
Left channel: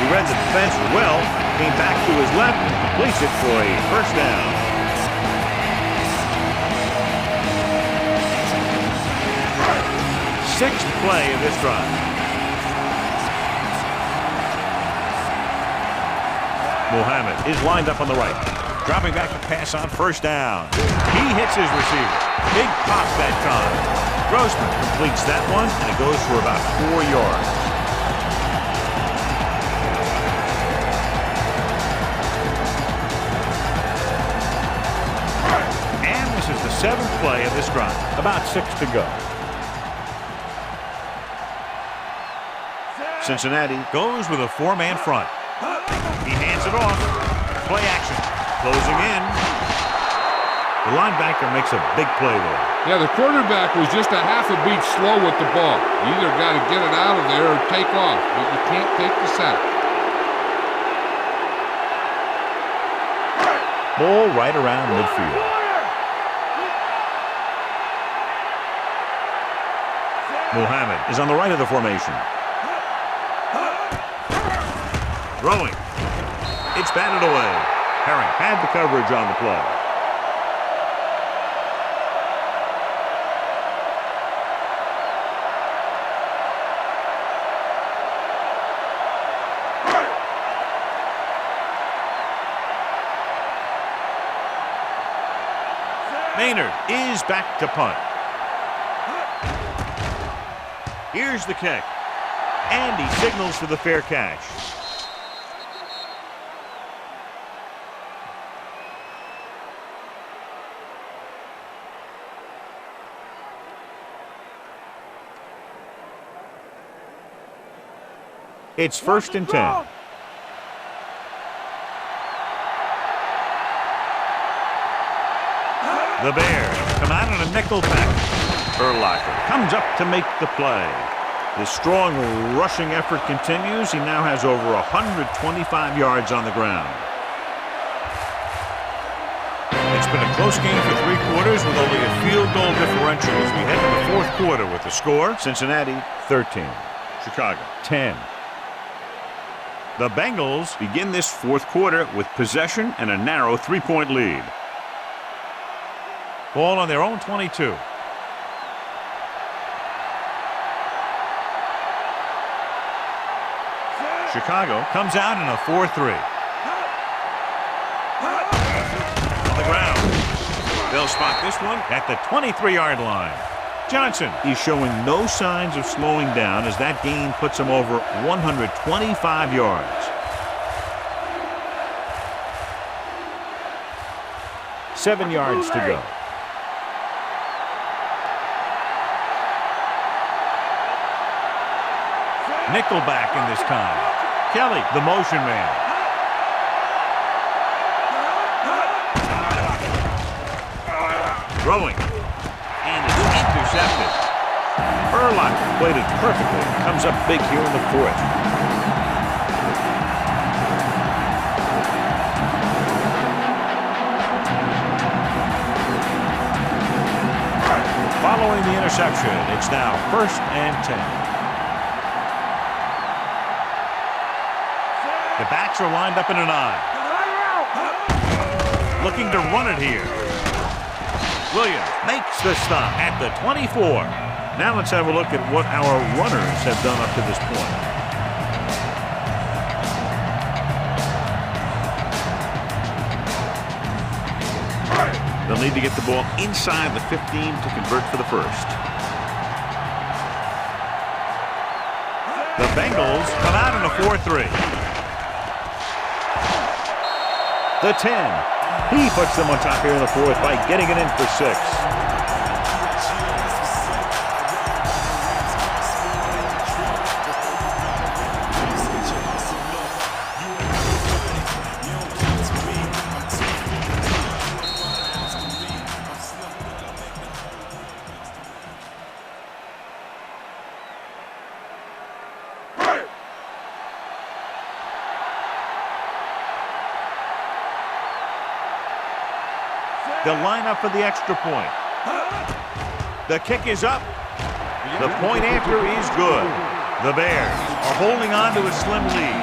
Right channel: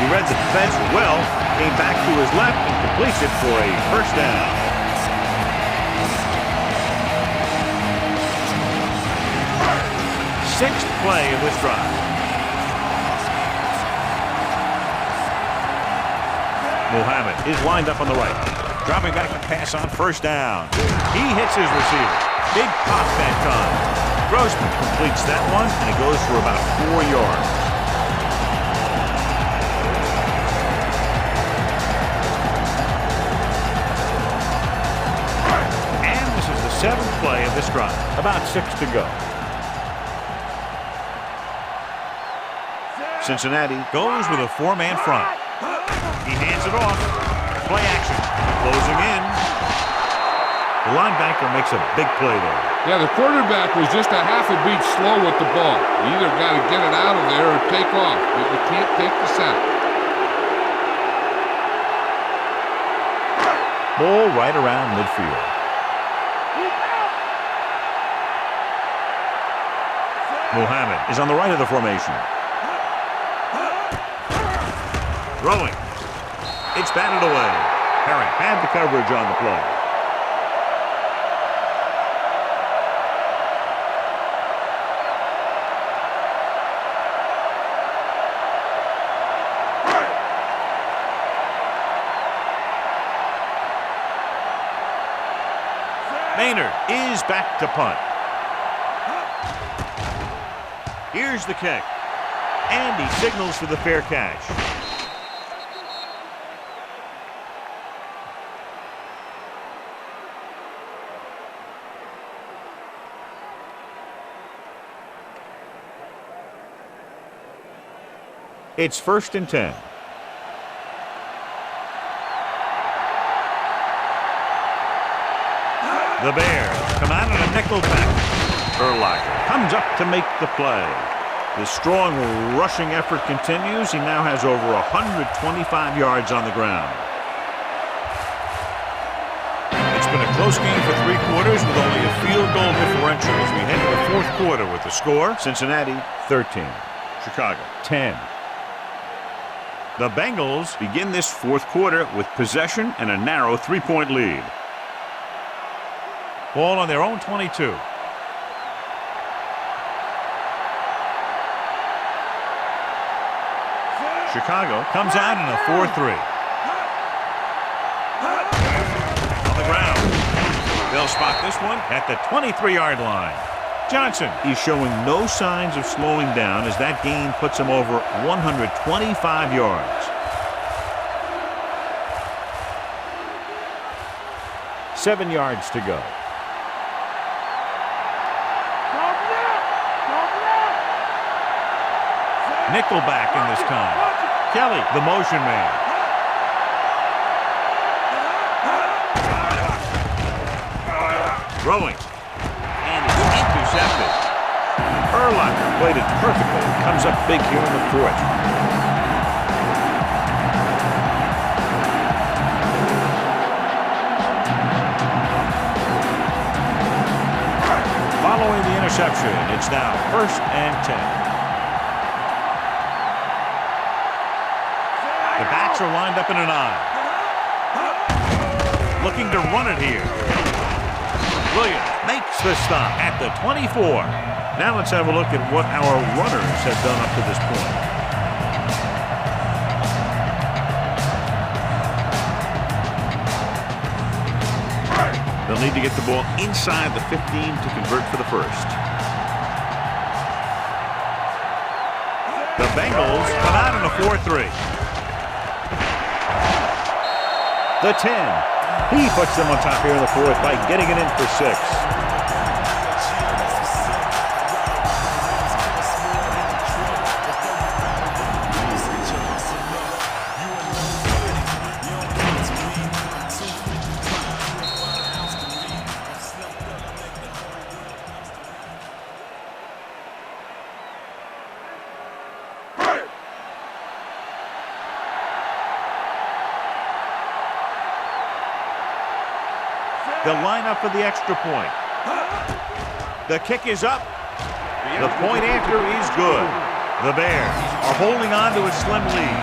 He read the defense well, came back to his left and completes it for a first down. Sixth play of this drive. Muhammad is lined up on the right. Dropping back to pass on first down. He hits his receiver. Big pop that time. Grossman completes that one, and it goes for about 4 yards. And this is the seventh play of this drive. About 6 to go. Cincinnati goes with a four-man front. He hands it off. Play action. Closing in. The linebacker makes a big play there. Yeah, the quarterback was just a half a beat slow with the ball. You either got to get it out of there or take off, but you can't take the sack. Ball right around midfield. Muhammad is on the right of the formation. Throwing. It's batted away. Herring had the coverage on the play. Maynard is back to punt. Here's the kick. And he signals for the fair catch. It's 1st and 10. The Bears come out on a nickel back. Urlacher comes up to make the play. The strong rushing effort continues. He now has over 125 yards on the ground. It's been a close game for 3 quarters with only a field goal differential as we head to the 4th quarter with the score. Cincinnati 13, Chicago 10. The Bengals begin this 4th quarter with possession and a narrow 3-point lead. Ball on their own 22. Chicago comes out in a 4-3. On the ground. They'll spot this one at the 23-yard line. Johnson is showing no signs of slowing down as that gain puts him over 125 yards. 7 yards to go. Nickelback in this time. Kelly, the motion man. Throwing. And it's intercepted. Urlacher played it perfectly. Comes up big here in the 4th. Following the interception, it's now 1st and 10. The backs are lined up in an I. Looking to run it here. Williams makes the stop at the 24. Now let's have a look at what our runners have done up to this point. They'll need to get the ball inside the 15 to convert for the 1st. The Bengals come out in a 4-3. The 10. He puts them on top here in the 4th by getting it in for 6. They'll line up for the extra point. The kick is up. The point after is good. The Bears are holding on to a slim lead.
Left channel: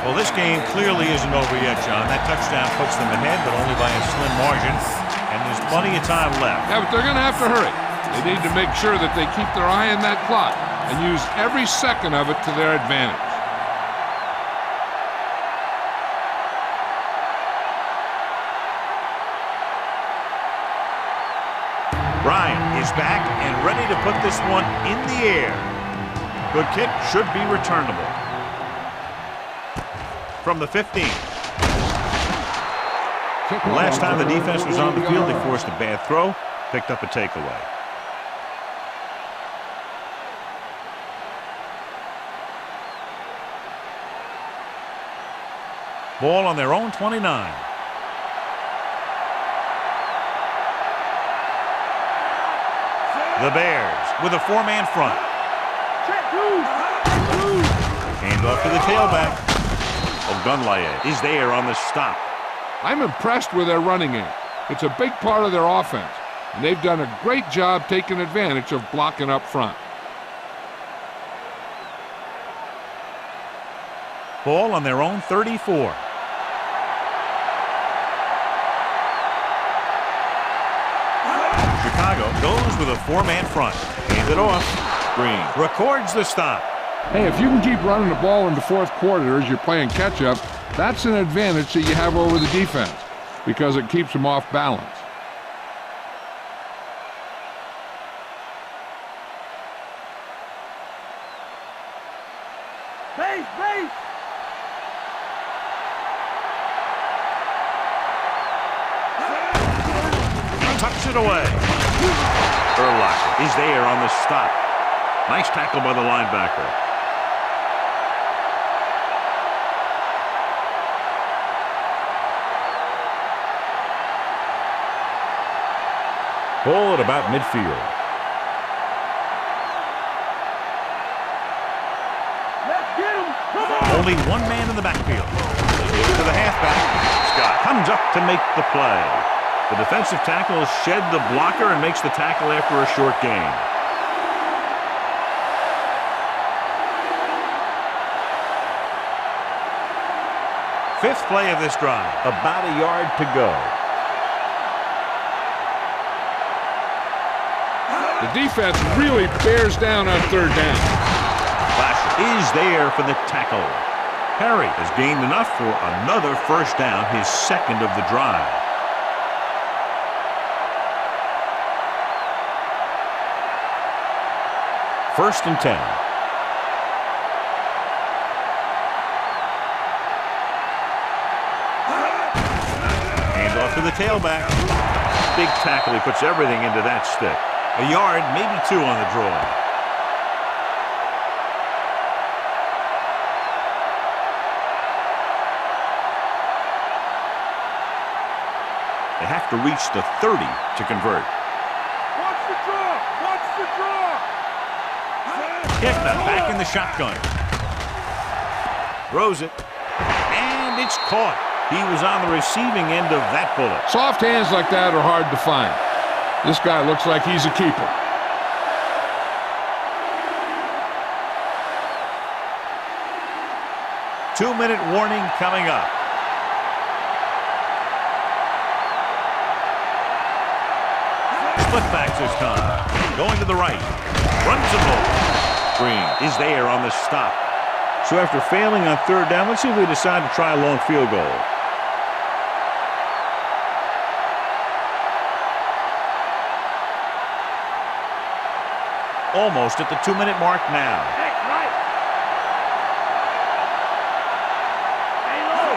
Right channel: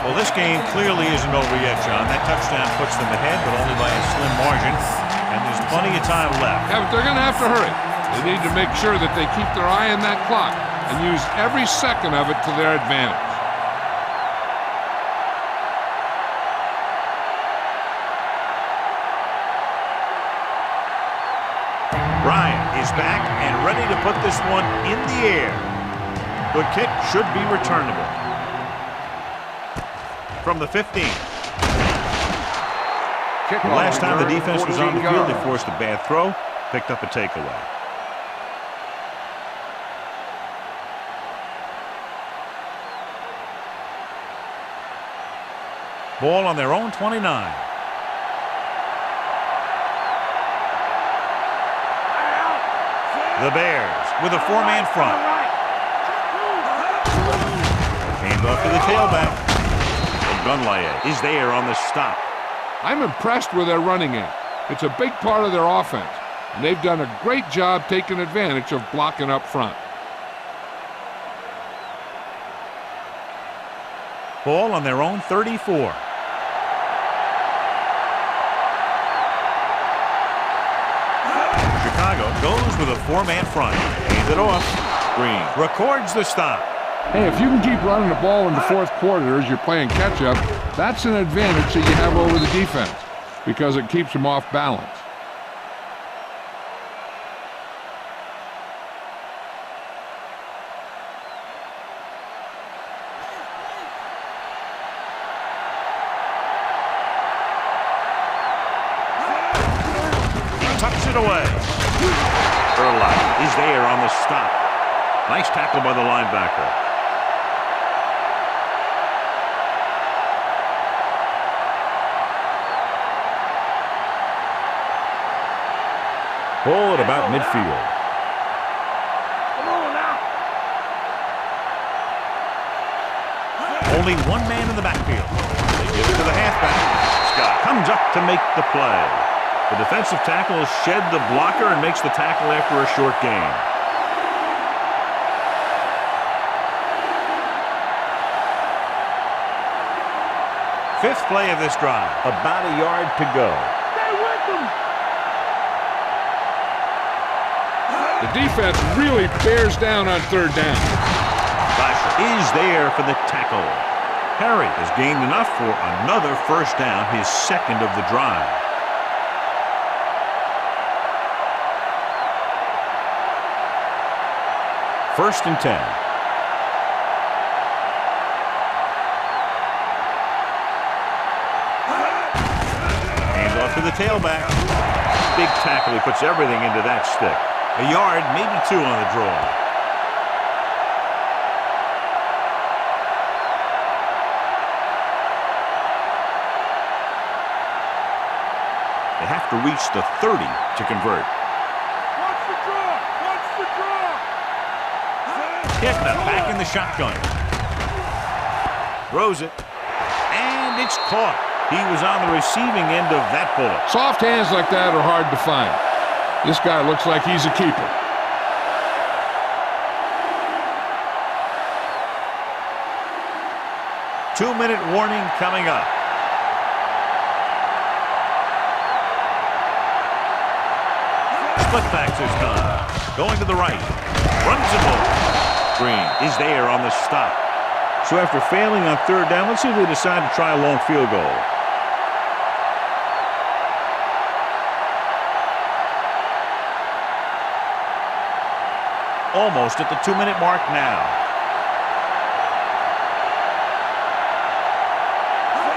Well, this game clearly isn't over yet, John. That touchdown puts them ahead, but only by a slim margin. And there's plenty of time left. Yeah, but they're going to have to hurry. They need to make sure that they keep their eye on that clock and use every second of it to their advantage. Bryant is back and ready to put this one in the air. Good kick, should be returnable. From the 15. The last time the defense was on the field, they forced a bad throw, picked up a takeaway. Ball on their own 29. The Bears with a 4-man front. Hand off to the tailback. Ogunlaye is there on the stop. I'm impressed with their running game. It's a big part of their offense, and they've done a great job taking advantage of blocking up front. Ball on their own 34. Chicago goes with a 4-man front. Hand it off. Green records the stop. Hey, if you can keep running the ball in the 4th quarter as you're playing catch-up, that's an advantage that you have over the defense. because it keeps him off balance. Tucks it away. Urlacher is there on the stop. Nice tackle by the linebacker. Ball at about midfield. Only one man in the backfield. They give it to the halfback. Scott comes up to make the play. The defensive tackle shed the blocker and makes the tackle after a short gain. Fifth play of this drive. About a yard to go. The defense really bears down on third down. Lasher is there for the tackle. Harry has gained enough for another first down, his second of the drive. First and 10. Hands off to the tailback. Big tackle. He puts everything into that stick. A yard, maybe two on the draw. They have to reach the 30 to convert. Watch the draw! Watch the draw! Hitting it back in the shotgun. Throws it. And it's caught. He was on the receiving end of that bullet. Soft hands like that are hard to find. This guy looks like he's a keeper. Two-minute warning coming up. Split backs this time. Going to the right. Runs the ball. Green is there on the stop. So after failing on third down, let's see if they decide to try a long field goal. Almost at the 2-minute mark now.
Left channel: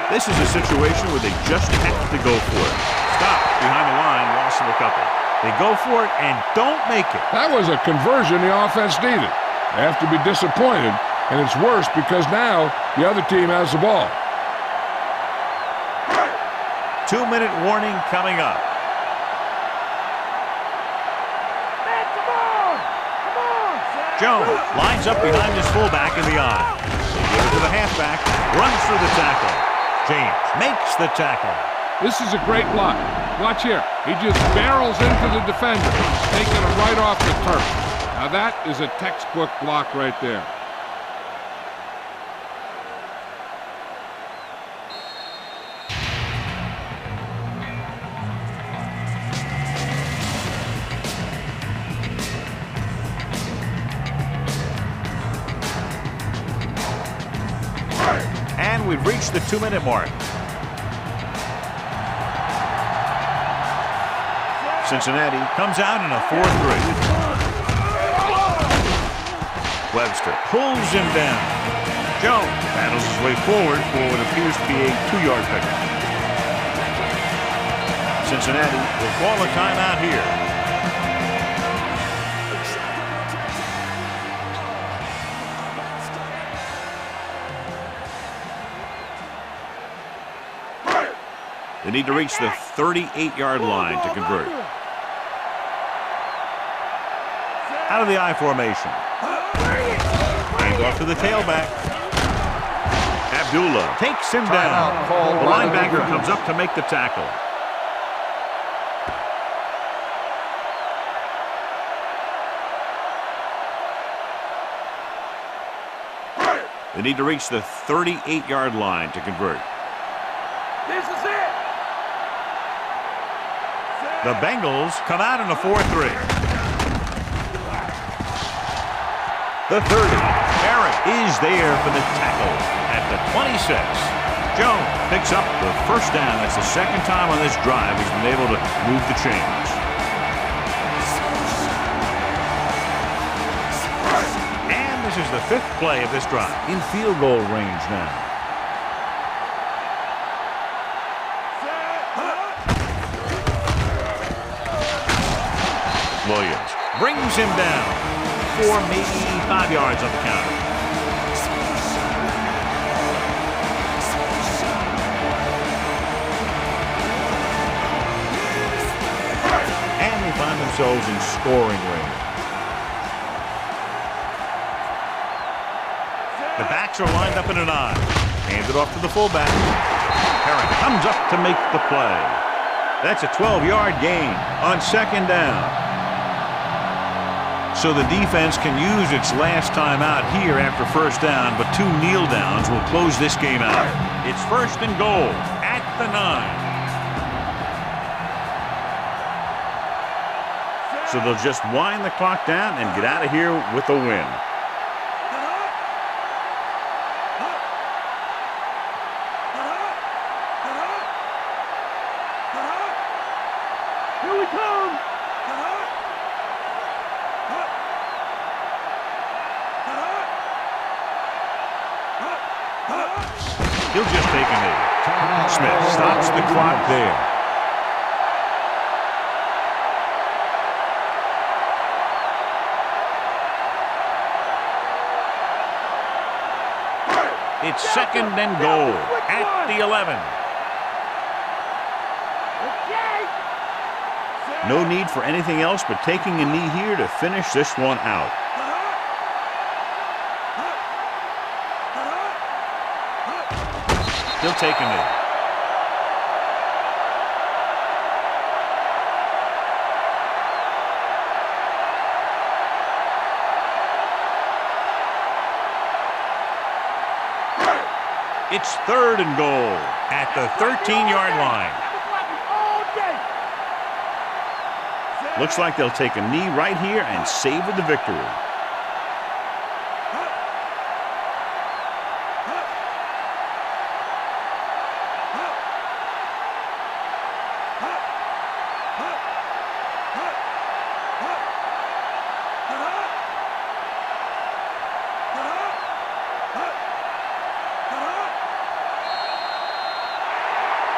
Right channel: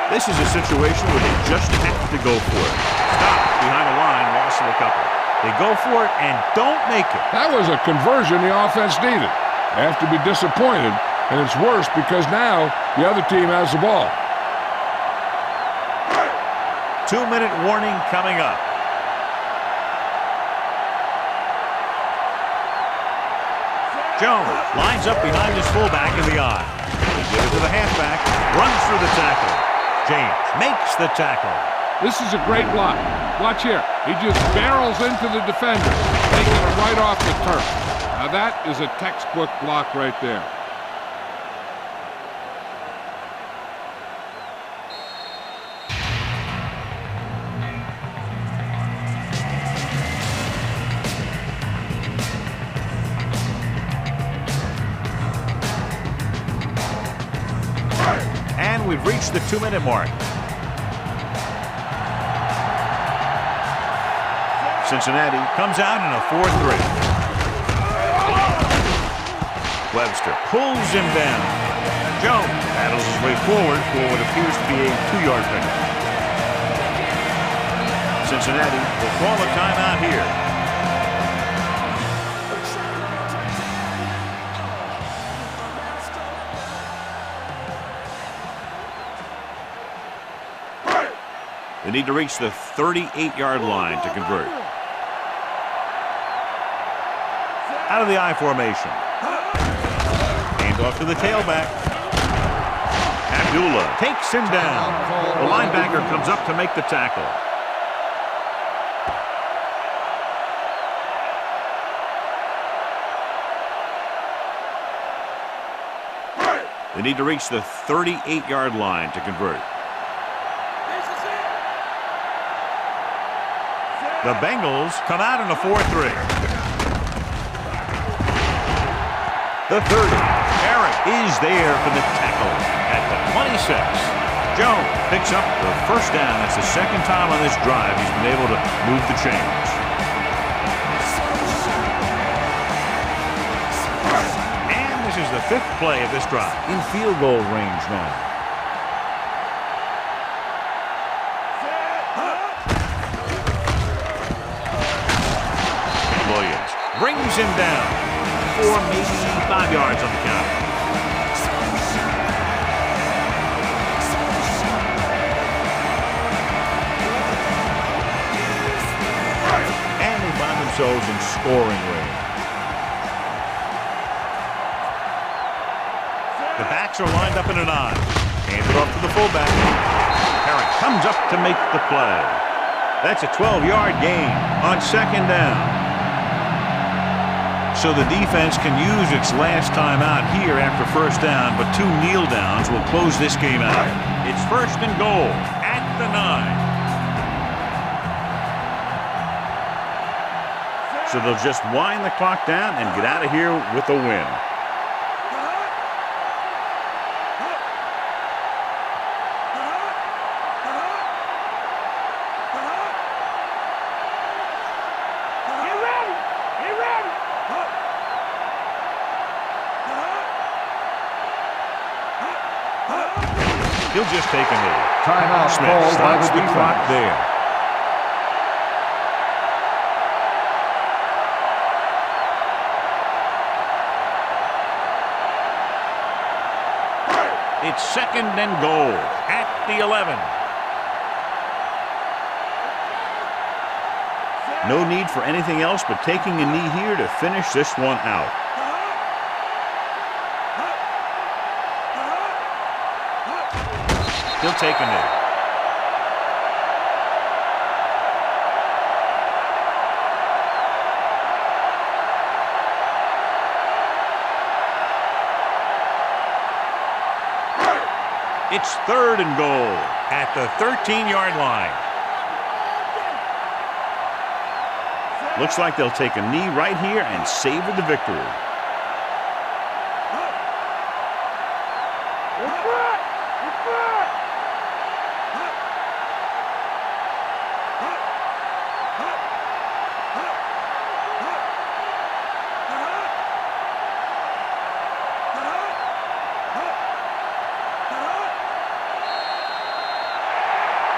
This is a situation where they just have to go for it. Stop behind the line, loss of a couple. They go for it and don't make it. That was a conversion the offense needed. They have to be disappointed, and it's worse because now the other team has the ball. 2-minute warning coming up. Jones lines up behind his fullback in the eye. They give it to the halfback, runs through the tackle. James makes the tackle. This is a great block. Watch here. He just barrels into the defender, taking him right off the turf. Now that is a textbook block right there. And we've reached the 2-minute mark. Cincinnati comes out in a 4-3. Webster pulls him down. Jones battles his way forward for what appears to be a 2-yard pickup. Cincinnati will call a timeout here. They need to reach the 38-yard line to convert. Out of the I formation. Hand off to the tailback. Abdullah takes him down. The linebacker comes up to make the tackle. They need to reach the 38-yard line to convert. This is it! The Bengals come out in a 4-3. The 30. Eric is there for the tackle at the 26. Jones picks up the first down. That's the second time on this drive he's been able to move the chains. And this is the 5th play of this drive. In field goal range now. Williams brings him down for maybe 5 yards on the counter. And they find themselves in scoring range. The backs are lined up in an I. Hands it off to the fullback. Herring comes up to make the play. That's a 12-yard gain on 2nd down. So the defense can use its last time out here after first down, but 2 kneel downs will close this game out. It's 1st and goal at the 9. So they'll just wind the clock down and get out of here with a win. Here we come. He'll just take a knee. Timeout. Smith stops the clock there. It's 2nd and goal at the 11. No need for anything else but taking a knee here to finish this one out. He'll take a knee. It's 3rd and goal at the 13-yard line. Looks like they'll take a knee right here and savor the victory.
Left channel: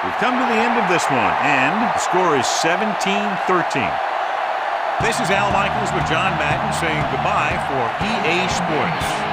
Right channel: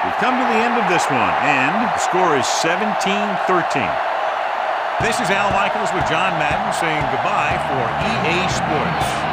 We've come to the end of this one, and the score is 17-13. This is Al Michaels with John Madden saying goodbye for EA Sports.